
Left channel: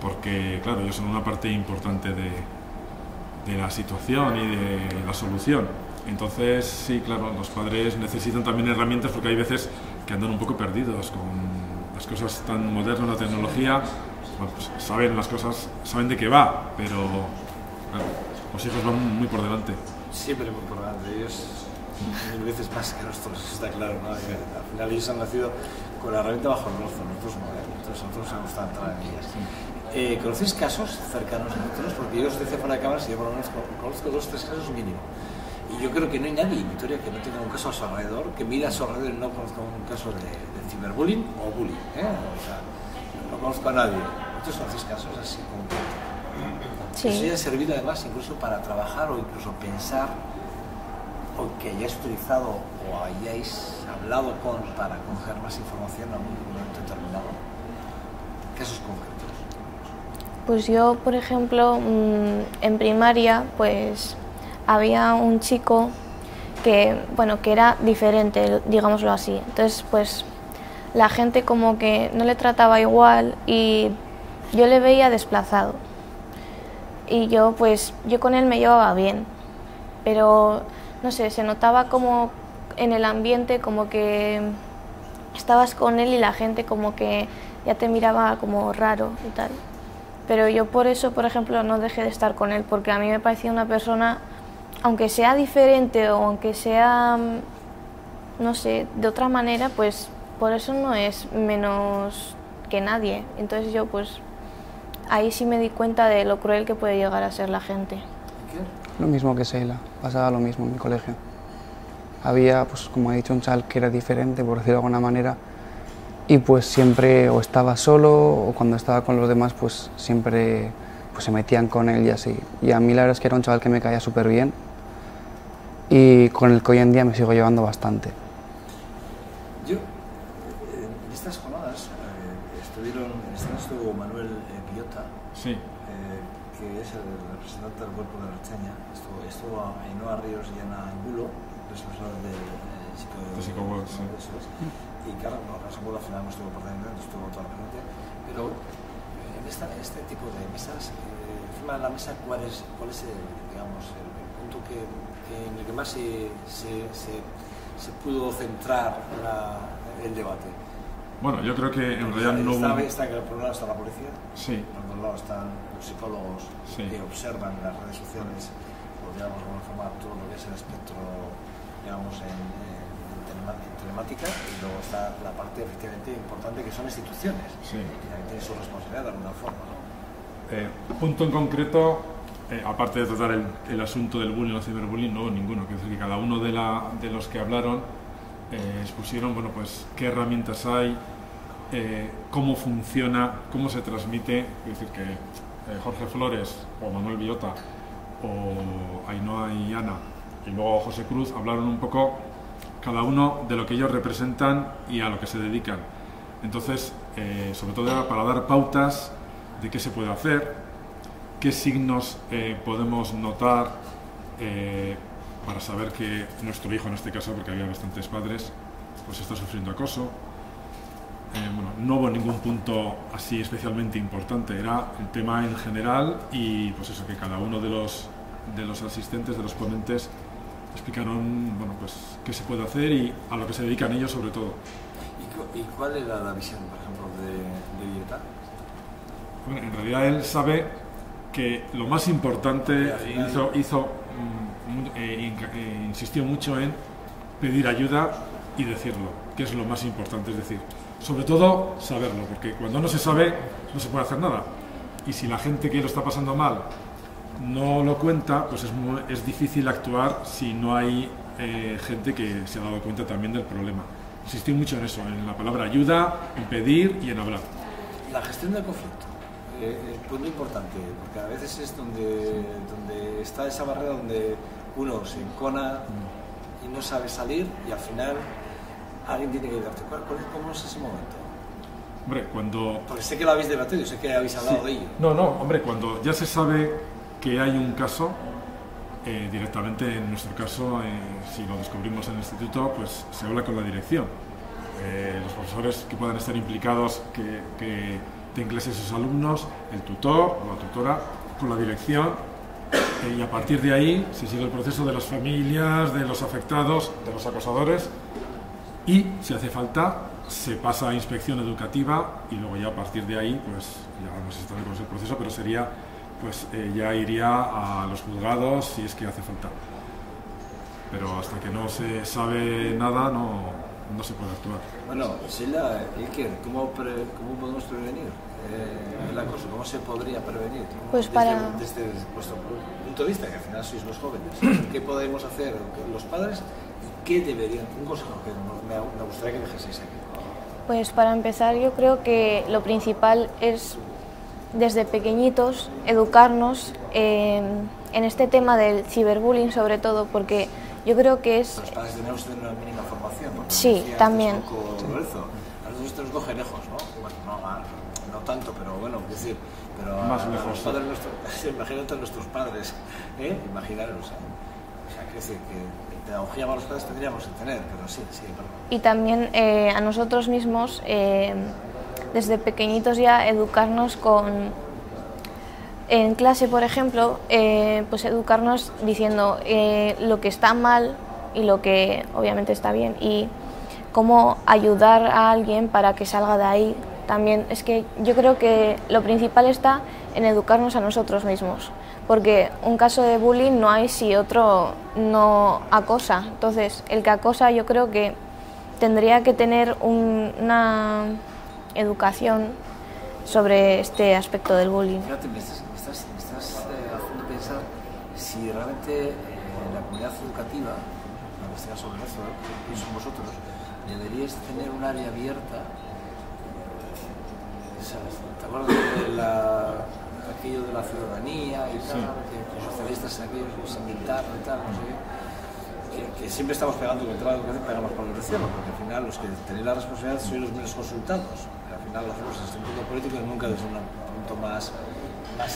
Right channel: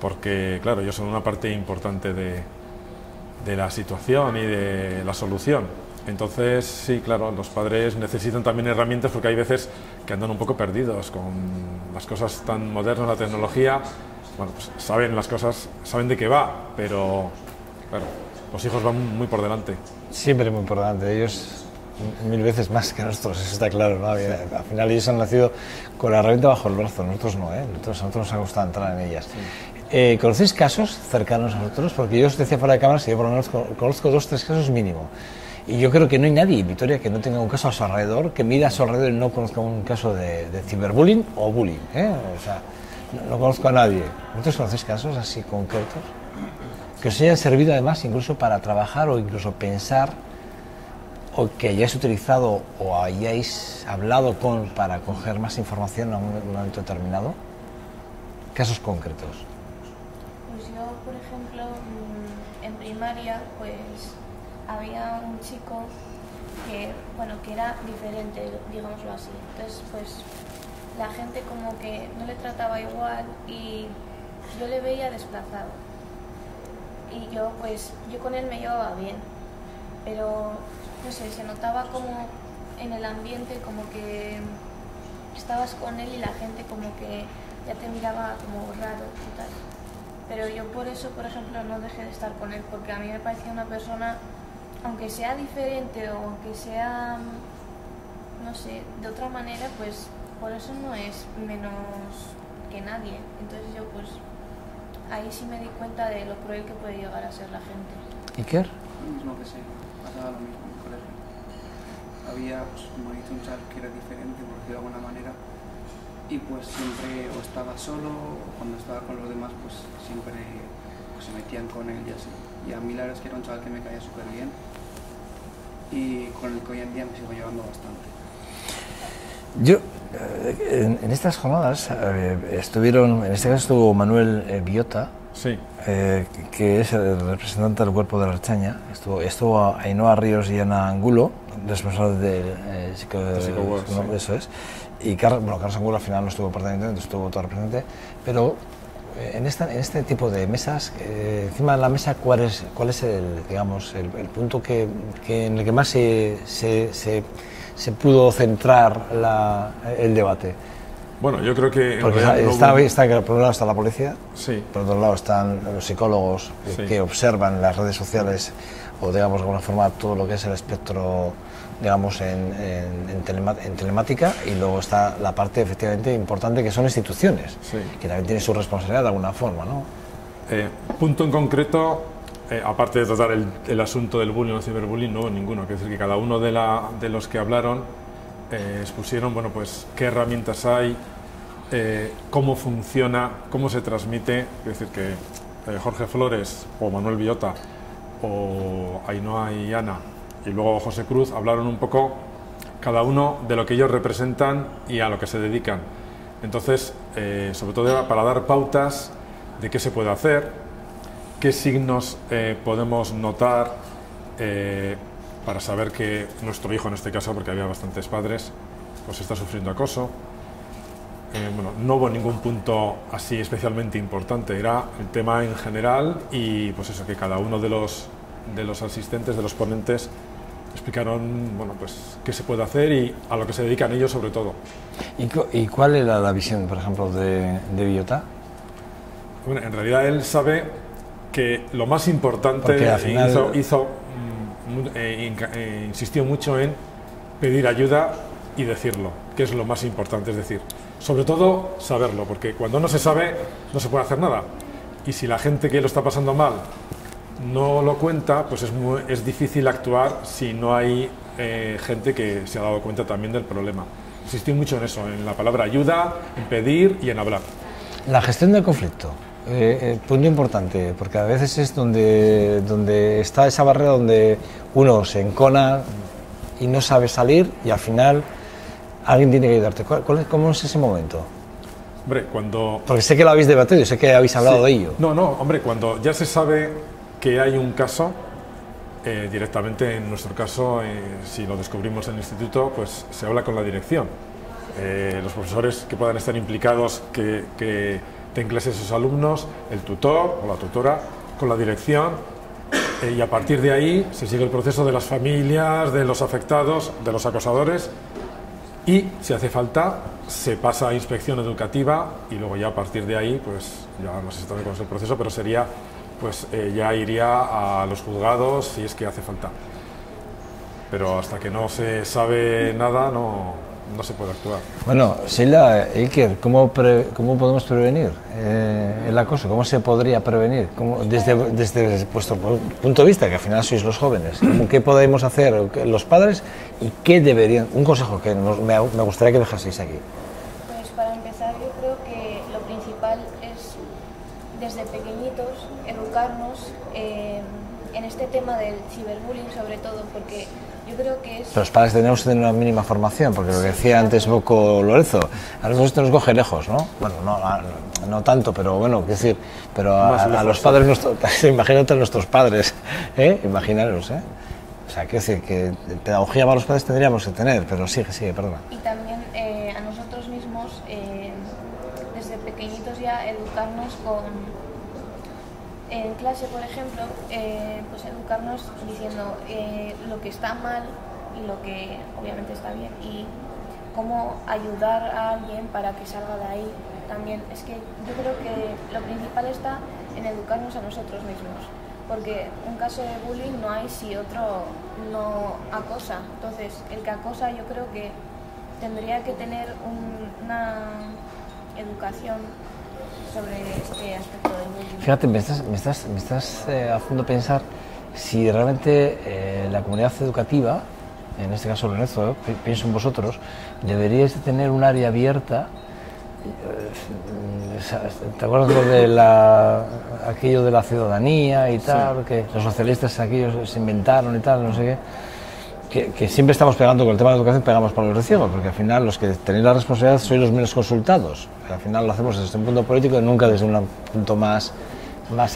porque, claro, ellos son una parte importante de la situación y de la solución. Entonces, sí, claro, los padres necesitan también herramientas porque hay veces que andan un poco perdidos con las cosas tan modernas, la tecnología. Pues saben las cosas, saben de qué va, pero, claro, los hijos van muy por delante. Siempre muy por delante, ellos 1000 veces más que nosotros, eso está claro, ¿no? Sí. Al final ellos han nacido con la herramienta bajo el brazo, nosotros no, nosotros nos ha gustado entrar en ellas. Sí. ¿Conocéis casos cercanos a nosotros? Porque yo os decía fuera de cámaras que yo por lo menos conozco 2 o 3 casos mínimo. Y yo creo que no hay nadie en Vitoria que no tenga un caso a su alrededor, que mire a su alrededor y no conozca un caso de ciberbullying o bullying, O sea, no conozco a nadie. ¿Vosotros conocéis casos así concretos? Sí. Que os hayan servido además incluso para trabajar o incluso pensar, o que hayáis utilizado o hayáis hablado para coger más información en un momento determinado. Casos concretos. Pues yo, por ejemplo, en primaria, pues había un chico que era diferente, digámoslo así. Entonces, pues la gente como que no le trataba igual y yo le veía desplazado. Y yo con él me llevaba bien, pero no sé, se notaba como en el ambiente como que estabas con él y la gente como que ya te miraba como raro y tal. Pero yo por eso, por ejemplo, no dejé de estar con él, porque a mí me parecía una persona, aunque sea diferente o aunque sea, no sé, de otra manera, pues por eso no es menos que nadie. Entonces yo ahí sí me di cuenta de lo cruel que puede llegar a ser la gente. ¿Iker? Lo mismo que Sheila, pasaba lo mismo en mi colegio. Había, como ha dicho, un chaval que era diferente, por decirlo de alguna manera, y siempre o estaba solo o cuando estaba con los demás siempre se metían con él y así. Y a mí la verdad es que era un chaval que me caía súper bien y con el que hoy en día me sigo llevando bastante. Yo, en estas jornadas en este caso estuvo Manuel Biota, sí. Que es el representante del cuerpo de la Ertzaintza, estuvo Ainhoa Ríos y Ana Angulo, responsables de eso es, y Carlos Angulo al final no estuvo particularmente, estuvo todo representante, pero en este tipo de mesas, encima de la mesa, ¿cuál es el punto en el que más se pudo centrar el debate? Bueno, yo creo que... Porque está que por un lado está la policía, sí. por otro lado están los psicólogos Sí. que observan las redes sociales o, digamos, de alguna forma todo lo que es el espectro, digamos, en telemática, y luego está la parte efectivamente importante que son instituciones, Sí. que también tienen su responsabilidad de alguna forma, ¿no? Punto en concreto, aparte de tratar el asunto del bullying o ciberbullying, no hubo ninguno, que es decir, que cada uno de los que hablaron expusieron, bueno, pues qué herramientas hay, cómo funciona, cómo se transmite. Es decir, que Jorge Flores o Manuel Villota o Ainhoa y Ana y luego José Cruz hablaron un poco cada uno de lo que ellos representan y a lo que se dedican. Entonces, sobre todo era para dar pautas de qué se puede hacer, qué signos podemos notar para saber que nuestro hijo, en este caso, porque había bastantes padres, pues está sufriendo acoso. Bueno, no hubo ningún punto así especialmente importante, era el tema en general y pues eso, que cada uno de los asistentes, de los ponentes, explicaron, bueno, pues qué se puede hacer y a lo que se dedican ellos sobre todo. ¿Y cuál era la visión, por ejemplo, de Villota? Bueno, en realidad él sabe que lo más importante, Porque al final... insistió mucho en pedir ayuda y decirlo, que es lo más importante, es decir, sobre todo saberlo, porque cuando no se sabe no se puede hacer nada, y si la gente que lo está pasando mal no lo cuenta, pues es difícil actuar si no hay gente que se ha dado cuenta también del problema. Insistió mucho en eso, en la palabra ayuda, en pedir y en hablar. La gestión del conflicto, punto importante, porque a veces es donde está esa barrera donde uno se encona y no sabe salir y al final alguien tiene que ayudarte. ¿Cómo es ese momento? Hombre, cuando... Porque sé que lo habéis debatido, sé que habéis hablado Sí. de ello. No, hombre, cuando ya se sabe que hay un caso, directamente en nuestro caso, si lo descubrimos en el instituto, pues se habla con la dirección. Los profesores que puedan estar implicados, que den clases a esos alumnos, el tutor o la tutora, con la dirección, y a partir de ahí se sigue el proceso de las familias, de los afectados, de los acosadores, y si hace falta se pasa a inspección educativa y luego ya a partir de ahí, pues ya no sé si cómo es el proceso, pero sería, pues ya iría a los juzgados si es que hace falta. Pero hasta que no se sabe nada no se puede actuar. Bueno, Sheila, Iker, ¿cómo podemos prevenir el acoso? ¿Cómo se podría prevenir? Pues desde vuestro punto de vista, que al final sois los jóvenes, ¿qué podemos hacer los padres y qué deberían? Un consejo que me gustaría que dejaseis aquí. Pues para empezar, yo creo que lo principal es desde pequeñitos educarnos en este tema del ciberbullying, sobre todo porque yo creo que es... Pero los padres tenemos que tener una mínima formación, porque lo Sí, decía antes también. Loco Lorenzo, a nosotros esto nos coge lejos, ¿no? Bueno, no tanto, pero bueno, es decir, pero a los padres, imagínate a nuestros padres, imaginaros, O sea, quiero decir que pedagogía para los padres tendríamos que tener, pero sigue, perdona. Y también a nosotros mismos, desde pequeñitos ya, educarnos en clase, por ejemplo, pues educarnos diciendo lo que está mal y lo que obviamente está bien y cómo ayudar a alguien para que salga de ahí. También es que yo creo que lo principal está en educarnos a nosotros mismos, porque un caso de bullying no hay si otro no acosa. Entonces, el que acosa yo creo que tendría que tener una educación sobre este aspecto del bullying. Fíjate, me estás haciendo pensar si realmente la comunidad educativa, en este caso Lorenzo, pienso en vosotros, deberíais de tener un área abierta. ¿Te acuerdas de aquello de la ciudadanía y tal? Sí. Que los socialistas aquellos se inventaron y tal, no sé qué. Que siempre estamos pegando con el tema de la educación, pegamos para los reciegos, porque al final los que tenéis la responsabilidad sois los menos consultados. Al final lo hacemos desde un punto político y nunca desde un punto más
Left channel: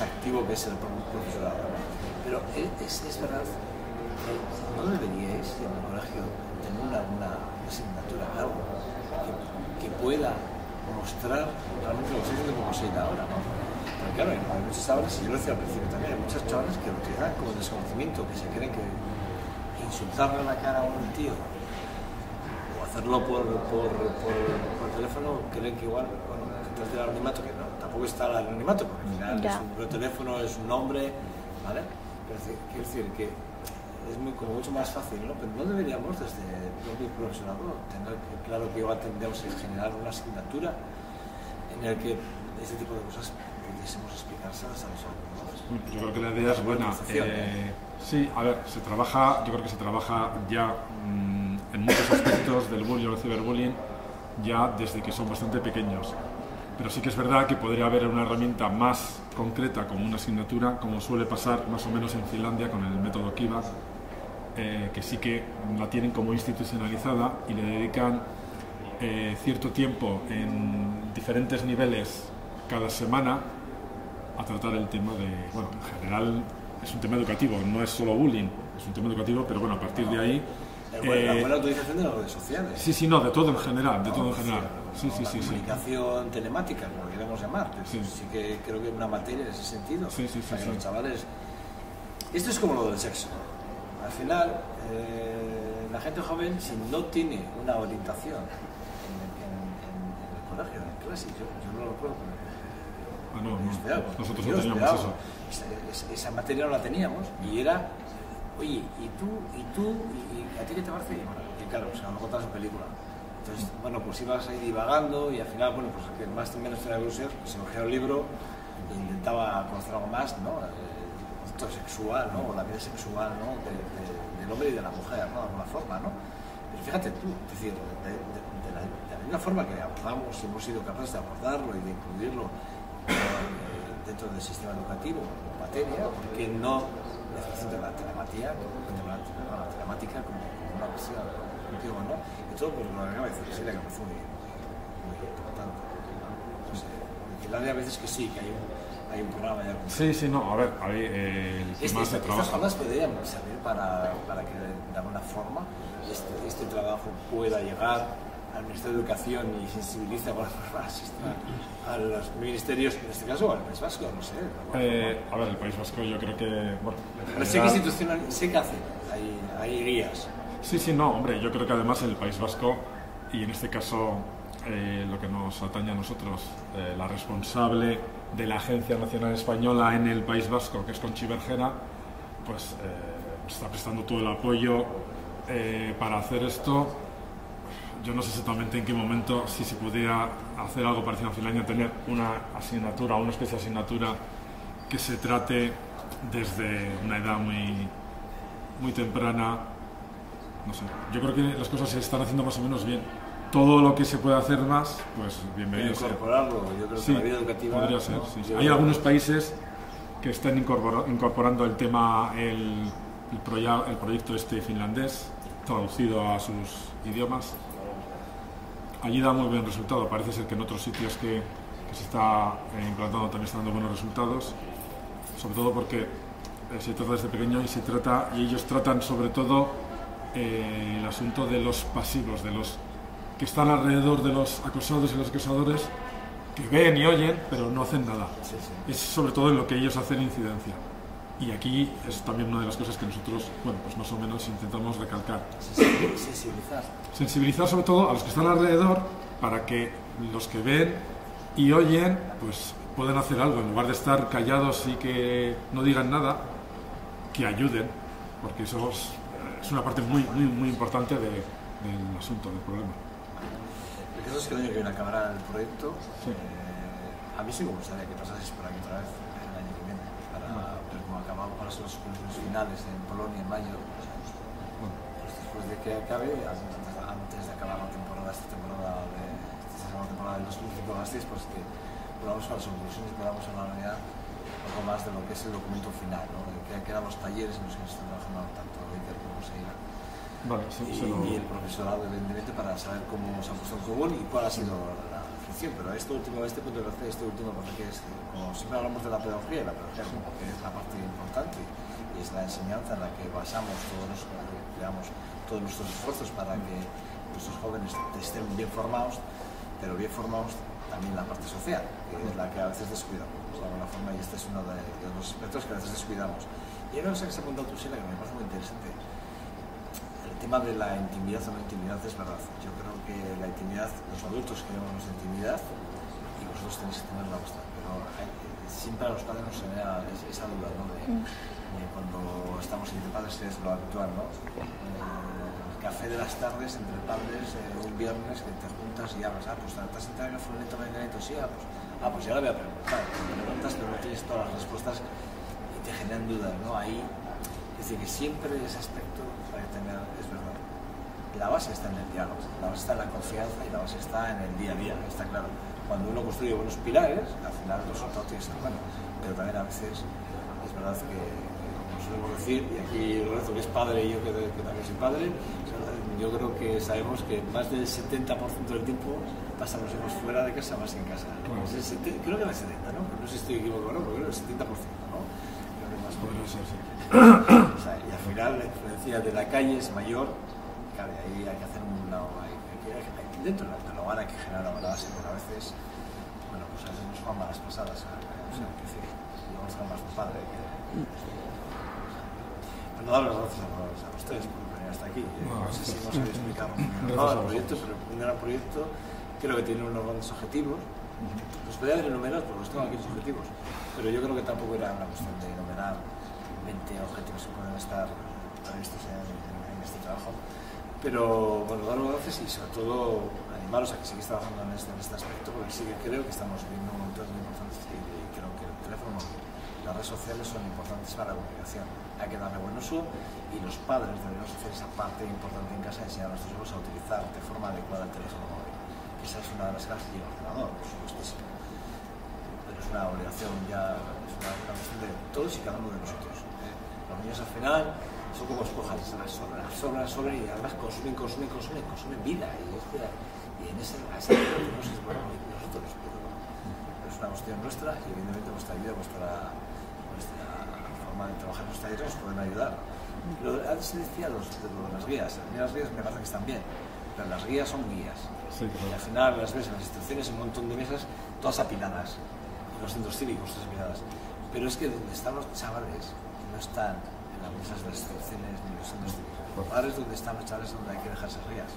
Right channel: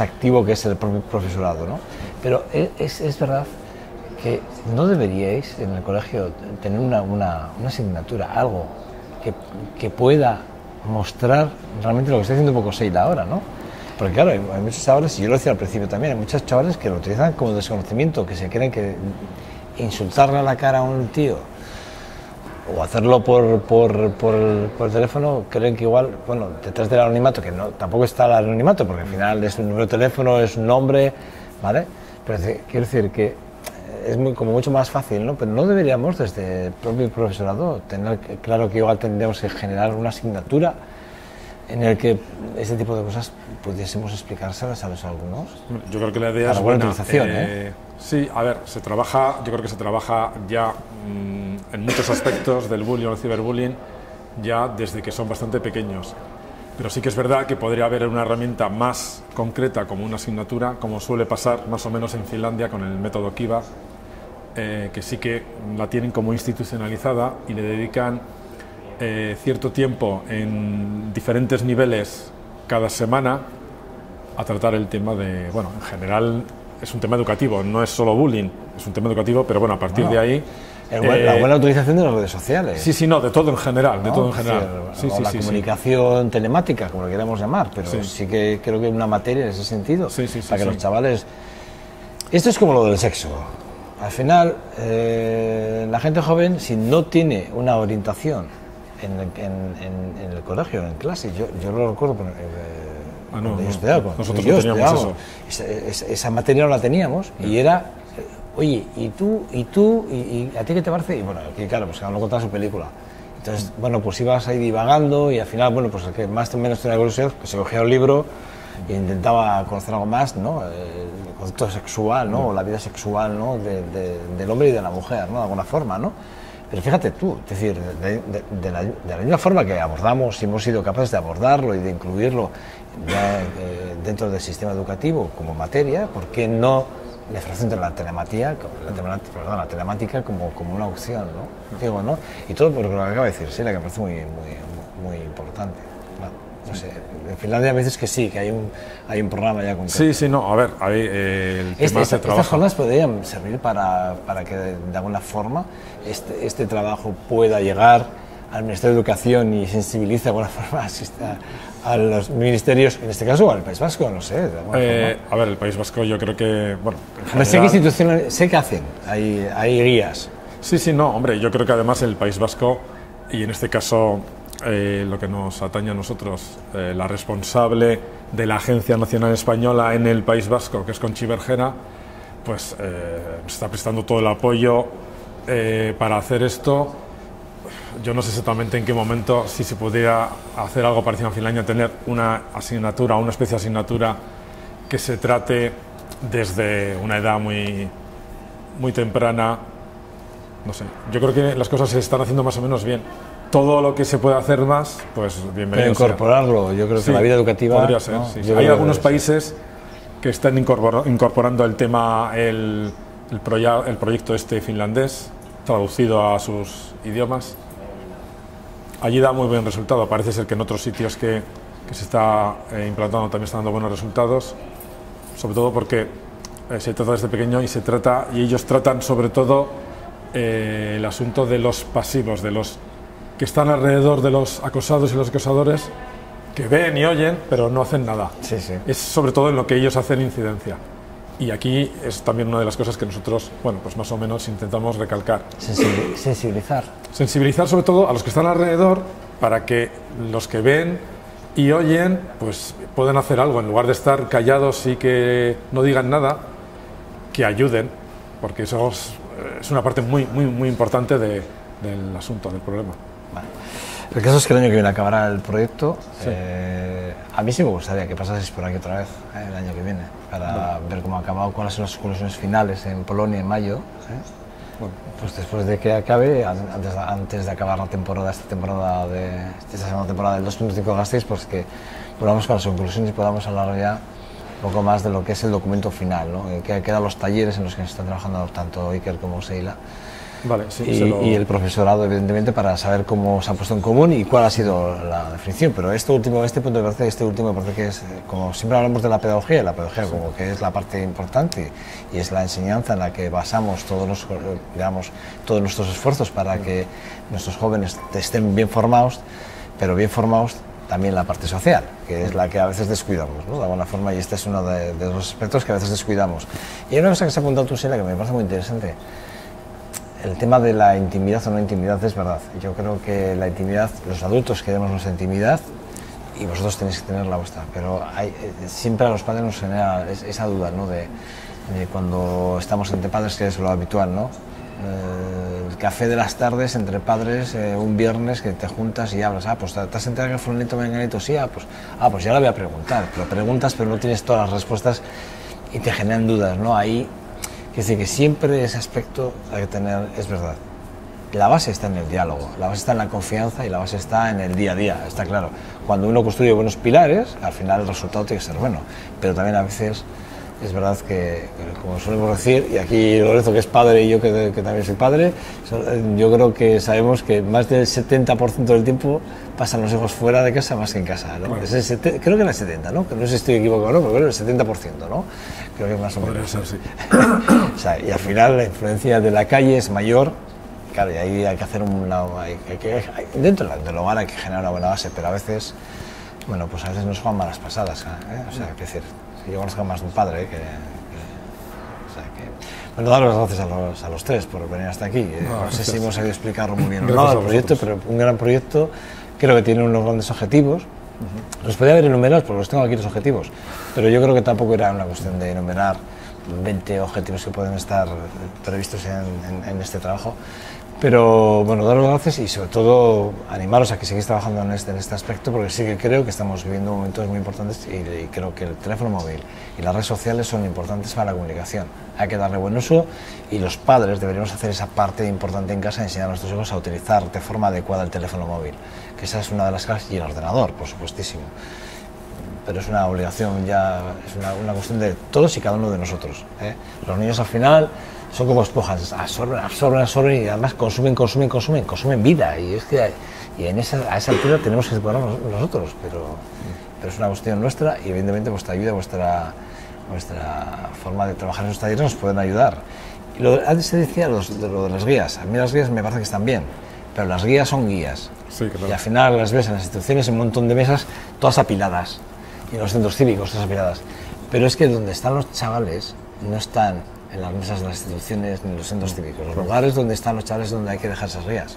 activo que es el propio profesorado, ¿no? Pero es verdad que no deberíais en el colegio tener una asignatura, algo que pueda mostrar realmente lo que está haciendo un poco Sheila ahora, ¿no? Porque claro, hay muchos chavales, y yo lo decía al principio también, hay muchos chavales que lo utilizan como desconocimiento, que se creen que insultarle a la cara a un tío o hacerlo por teléfono, creen que igual, bueno, detrás del anonimato, que no, tampoco está el anonimato, porque al final es un número de teléfono, es un nombre, ¿vale? Pero quiero decir que es como mucho más fácil, ¿no? Pero no deberíamos, desde el propio profesorado, tener claro que igual tendríamos que generar una asignatura en el que este tipo de cosas pudiésemos explicárselas a los alumnos. Yo creo que la idea es buena. Sí, a ver, yo creo que se trabaja ya en muchos aspectos del bullying o el ciberbullying ya desde que son bastante pequeños. Pero sí que es verdad que podría haber una herramienta más concreta como una asignatura, como suele pasar más o menos en Finlandia con el método Kiva, que sí que la tienen como institucionalizada y le dedican cierto tiempo en diferentes niveles cada semana a tratar el tema de, bueno, en general es un tema educativo, no es solo bullying, es un tema educativo, pero bueno, a partir de ahí... la buena utilización de las redes sociales. Sí, no, de todo en general, de todo en general. La comunicación telemática, como lo queramos llamar, pero sí que creo que hay una materia en ese sentido, para que los chavales... Esto es como lo del sexo. Al final, la gente joven, si no tiene una orientación en el colegio, en clase, yo lo recuerdo, nosotros no teníamos eso. Esa materia no la teníamos y era, oye, ¿y tú? ¿Y a ti qué te parece? Y bueno, que claro, pues cada uno contaba su película. Entonces, bueno, pues ibas ahí divagando y al final, bueno, pues el que más o menos tenía curiosidad, pues se cogía un libro e intentaba conocer algo más, ¿no? El concepto sexual, ¿no? O la vida sexual, ¿no? Del hombre y de la mujer, ¿no? De alguna forma, ¿no? Pero fíjate tú, es decir, de la misma forma que abordamos, si hemos sido capaces de abordarlo y de incluirlo ya, dentro del sistema educativo como materia, ¿por qué no la formación de la telemática como una opción, ¿no? Digo, ¿no? Y todo por lo que acaba de decir, sí, la que me parece muy importante. Bueno, no sé, en Finlandia a veces que sí, que hay un programa ya concreto. Sí, no, a ver, el tema se trabaja. Estas jornadas podrían servir para que de alguna forma este trabajo pueda llegar al Ministerio de Educación y sensibilice de alguna forma a los ministerios, en este caso, o al País Vasco, no sé. A ver, el País Vasco yo creo que... Bueno, sé que instituciones, sé que hacen, hay guías. Sí, no, hombre, yo creo que además el País Vasco, y en este caso lo que nos atañe a nosotros, la responsable de la Agencia Nacional Española en el País Vasco, que es Conchi Bergera, pues está prestando todo el apoyo para hacer esto. Yo no sé exactamente en qué momento, si se podría hacer algo parecido en Finlandia, tener una asignatura, una especie de asignatura que se trate desde una edad muy temprana. No sé, yo creo que las cosas se están haciendo más o menos bien. Todo lo que se puede hacer más, pues bienvenido. Pero incorporarlo, yo creo que la vida educativa... Podría ser, ¿no? Sí. Hay algunos países que están incorporando el tema, el proyecto finlandés, traducido a sus idiomas. Allí da muy buen resultado. Parece ser que en otros sitios que se está implantando también está dando buenos resultados, sobre todo porque se trata desde pequeño y ellos tratan sobre todo el asunto de los pasivos, de los que están alrededor de los acosados y los acosadores, que ven y oyen pero no hacen nada. Sí. Es sobre todo en lo que ellos hacen incidencia. Y aquí es también una de las cosas que nosotros, bueno, pues más o menos intentamos recalcar. Sensibilizar. Sensibilizar sobre todo a los que están alrededor para que los que ven y oyen pues puedan hacer algo, en lugar de estar callados y que no digan nada, que ayuden, porque eso es una parte muy importante del asunto, del problema. Vale. El caso es que el año que viene acabará el proyecto. Sí. A mí sí me gustaría que pasaseis por aquí otra vez el año que viene, para ver cómo ha acabado, cuáles son las conclusiones finales en Polonia en mayo. Bueno, pues después de que acabe, antes de acabar la temporada, esta segunda temporada del 2.5 Gasteiz, pues que volvamos con las conclusiones y podamos hablar ya un poco más de lo que es el documento final, ¿no? Que quedan los talleres en los que se está trabajando tanto Iker como Seila. Vale, sí, y el profesorado, evidentemente, para saber cómo se ha puesto en común y cuál ha sido la definición. Pero este último me parece que es, como siempre hablamos de la pedagogía como que es la parte importante y es la enseñanza en la que basamos todos nuestros esfuerzos para que nuestros jóvenes estén bien formados, pero bien formados también la parte social, que es la que a veces descuidamos, ¿no? De alguna forma, y este es uno de los aspectos que a veces descuidamos. Y hay una cosa que se ha apuntado tú, Sheila, que me parece muy interesante. el tema de la intimidad o no intimidad es verdad. Yo creo que la intimidad, los adultos queremos nuestra intimidad y vosotros tenéis que tener la vuestra, pero siempre a los padres nos genera esa duda, ¿no? de cuando estamos entre padres, que es lo habitual, ¿no? El café de las tardes entre padres, un viernes que te juntas y hablas, pues te has enterado que fulanito menganito, sí, pues ya lo voy a preguntar, pero preguntas pero no tienes todas las respuestas y te generan dudas, ¿no? Ahí, es decir, que siempre ese aspecto hay que tener, es verdad. La base está en el diálogo, la base está en la confianza y la base está en el día a día, está claro. Cuando uno construye buenos pilares, al final el resultado tiene que ser bueno, pero también a veces es verdad que, como solemos decir, y aquí Lorenzo que es padre y yo que también soy padre, yo creo que sabemos que más del 70% del tiempo pasan los hijos fuera de casa más que en casa, ¿no? Bueno. Creo que era el 70, ¿no? Que no sé si estoy equivocado o no, pero creo que el 70%, ¿no? Creo que más o menos. Podría ser, sí. O sea, y al final la influencia de la calle es mayor. Claro, y ahí hay que hacer dentro del hogar hay que generar una buena base, pero a veces, bueno, pues a veces nos juegan malas pasadas, ¿eh? O sea, es decir, yo conozco más de un padre, o sea, bueno, dar las gracias a los tres por venir hasta aquí. No sé si hemos sabido explicarlo muy bien o no el proyecto, pero un gran proyecto, creo que tiene unos grandes objetivos. Los podría haber enumerado porque los tengo aquí los objetivos, pero yo creo que tampoco era una cuestión de enumerar 20 objetivos que pueden estar previstos en este trabajo. Pero bueno, daros las gracias y sobre todo animaros a que sigáis trabajando en este aspecto, porque sí que creo que estamos viviendo momentos muy importantes y creo que el teléfono móvil y las redes sociales son importantes para la comunicación. Hay que darle buen uso y los padres deberíamos hacer esa parte importante en casa, enseñar a nuestros hijos a utilizar de forma adecuada el teléfono móvil, que esa es una de las claves, y el ordenador, por supuestísimo. Pero es una obligación ya, es una cuestión de todos y cada uno de nosotros, ¿eh? Los niños al final son como esponjas, absorben y además consumen vida, y es que a esa altura tenemos que separarnos nosotros, pero es una cuestión nuestra y evidentemente vuestra ayuda, vuestra forma de trabajar en nuestra vida nos pueden ayudar. Y antes se decía lo de las guías, a mí las guías me parece que están bien, pero las guías son guías, sí, claro. Y al final las ves en las instituciones, en un montón de mesas, todas apiladas, y en los centros cívicos todas apiladas, pero es que donde están los chavales no están en las mesas de las instituciones ni en los centros cívicos. Los lugares donde están los chavales es donde hay que dejar esas guías.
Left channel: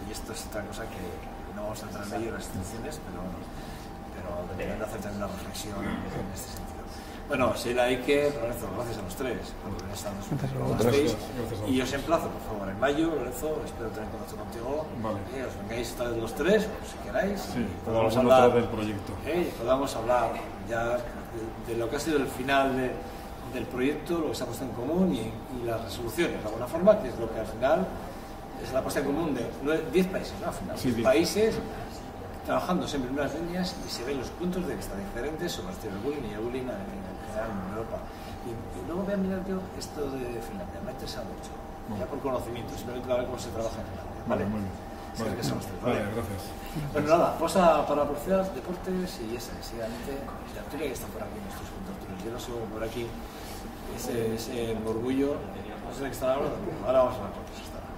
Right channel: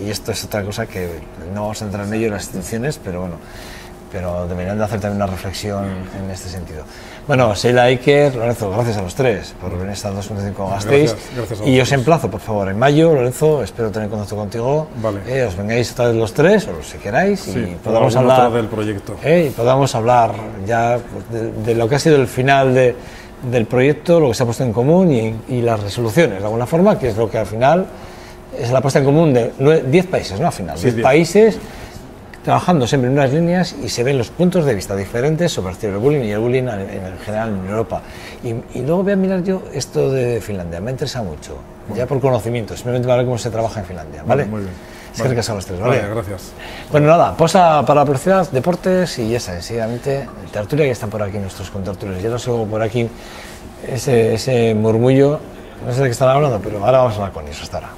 Y esto es otra cosa que no vamos a entrar en ello en las instituciones, pero bueno, pero deberían de hacer también una reflexión en este sentido. Bueno, Sheila, Iker, Lorenzo, gracias a los tres por venir a estas 2.5 Gasteiz. Y os emplazo, por favor, en mayo, Lorenzo, espero tener contacto contigo. Vale. Os vengáis esta vez los tres, o si queráis, sí, y podamos hablar del proyecto. Y podamos hablar ya de lo que ha sido el final del proyecto, lo que se ha puesto en común y las resoluciones, de alguna forma, que es lo que al final es la puesta en común de 10 países, ¿no? Al final, 10 países trabajando siempre en unas líneas y se ven los puntos de vista diferentes sobre el ciberbullying y el bullying en general en Europa. Y luego voy a mirar yo esto de Finlandia, me interesa mucho, ya por conocimiento, simplemente para ver cómo se trabaja en Finlandia, ¿vale? Muy bien. Es que a los tres, ¿vale? Vale, gracias. Bueno, nada, posa para la publicidad, deportes y ya sabes, seguidamente, tertulia, que están por aquí nuestros contertulios. Ya los oigo por aquí, ese murmullo, no sé de qué están hablando, pero ahora vamos a hablar con ellos hasta ahora.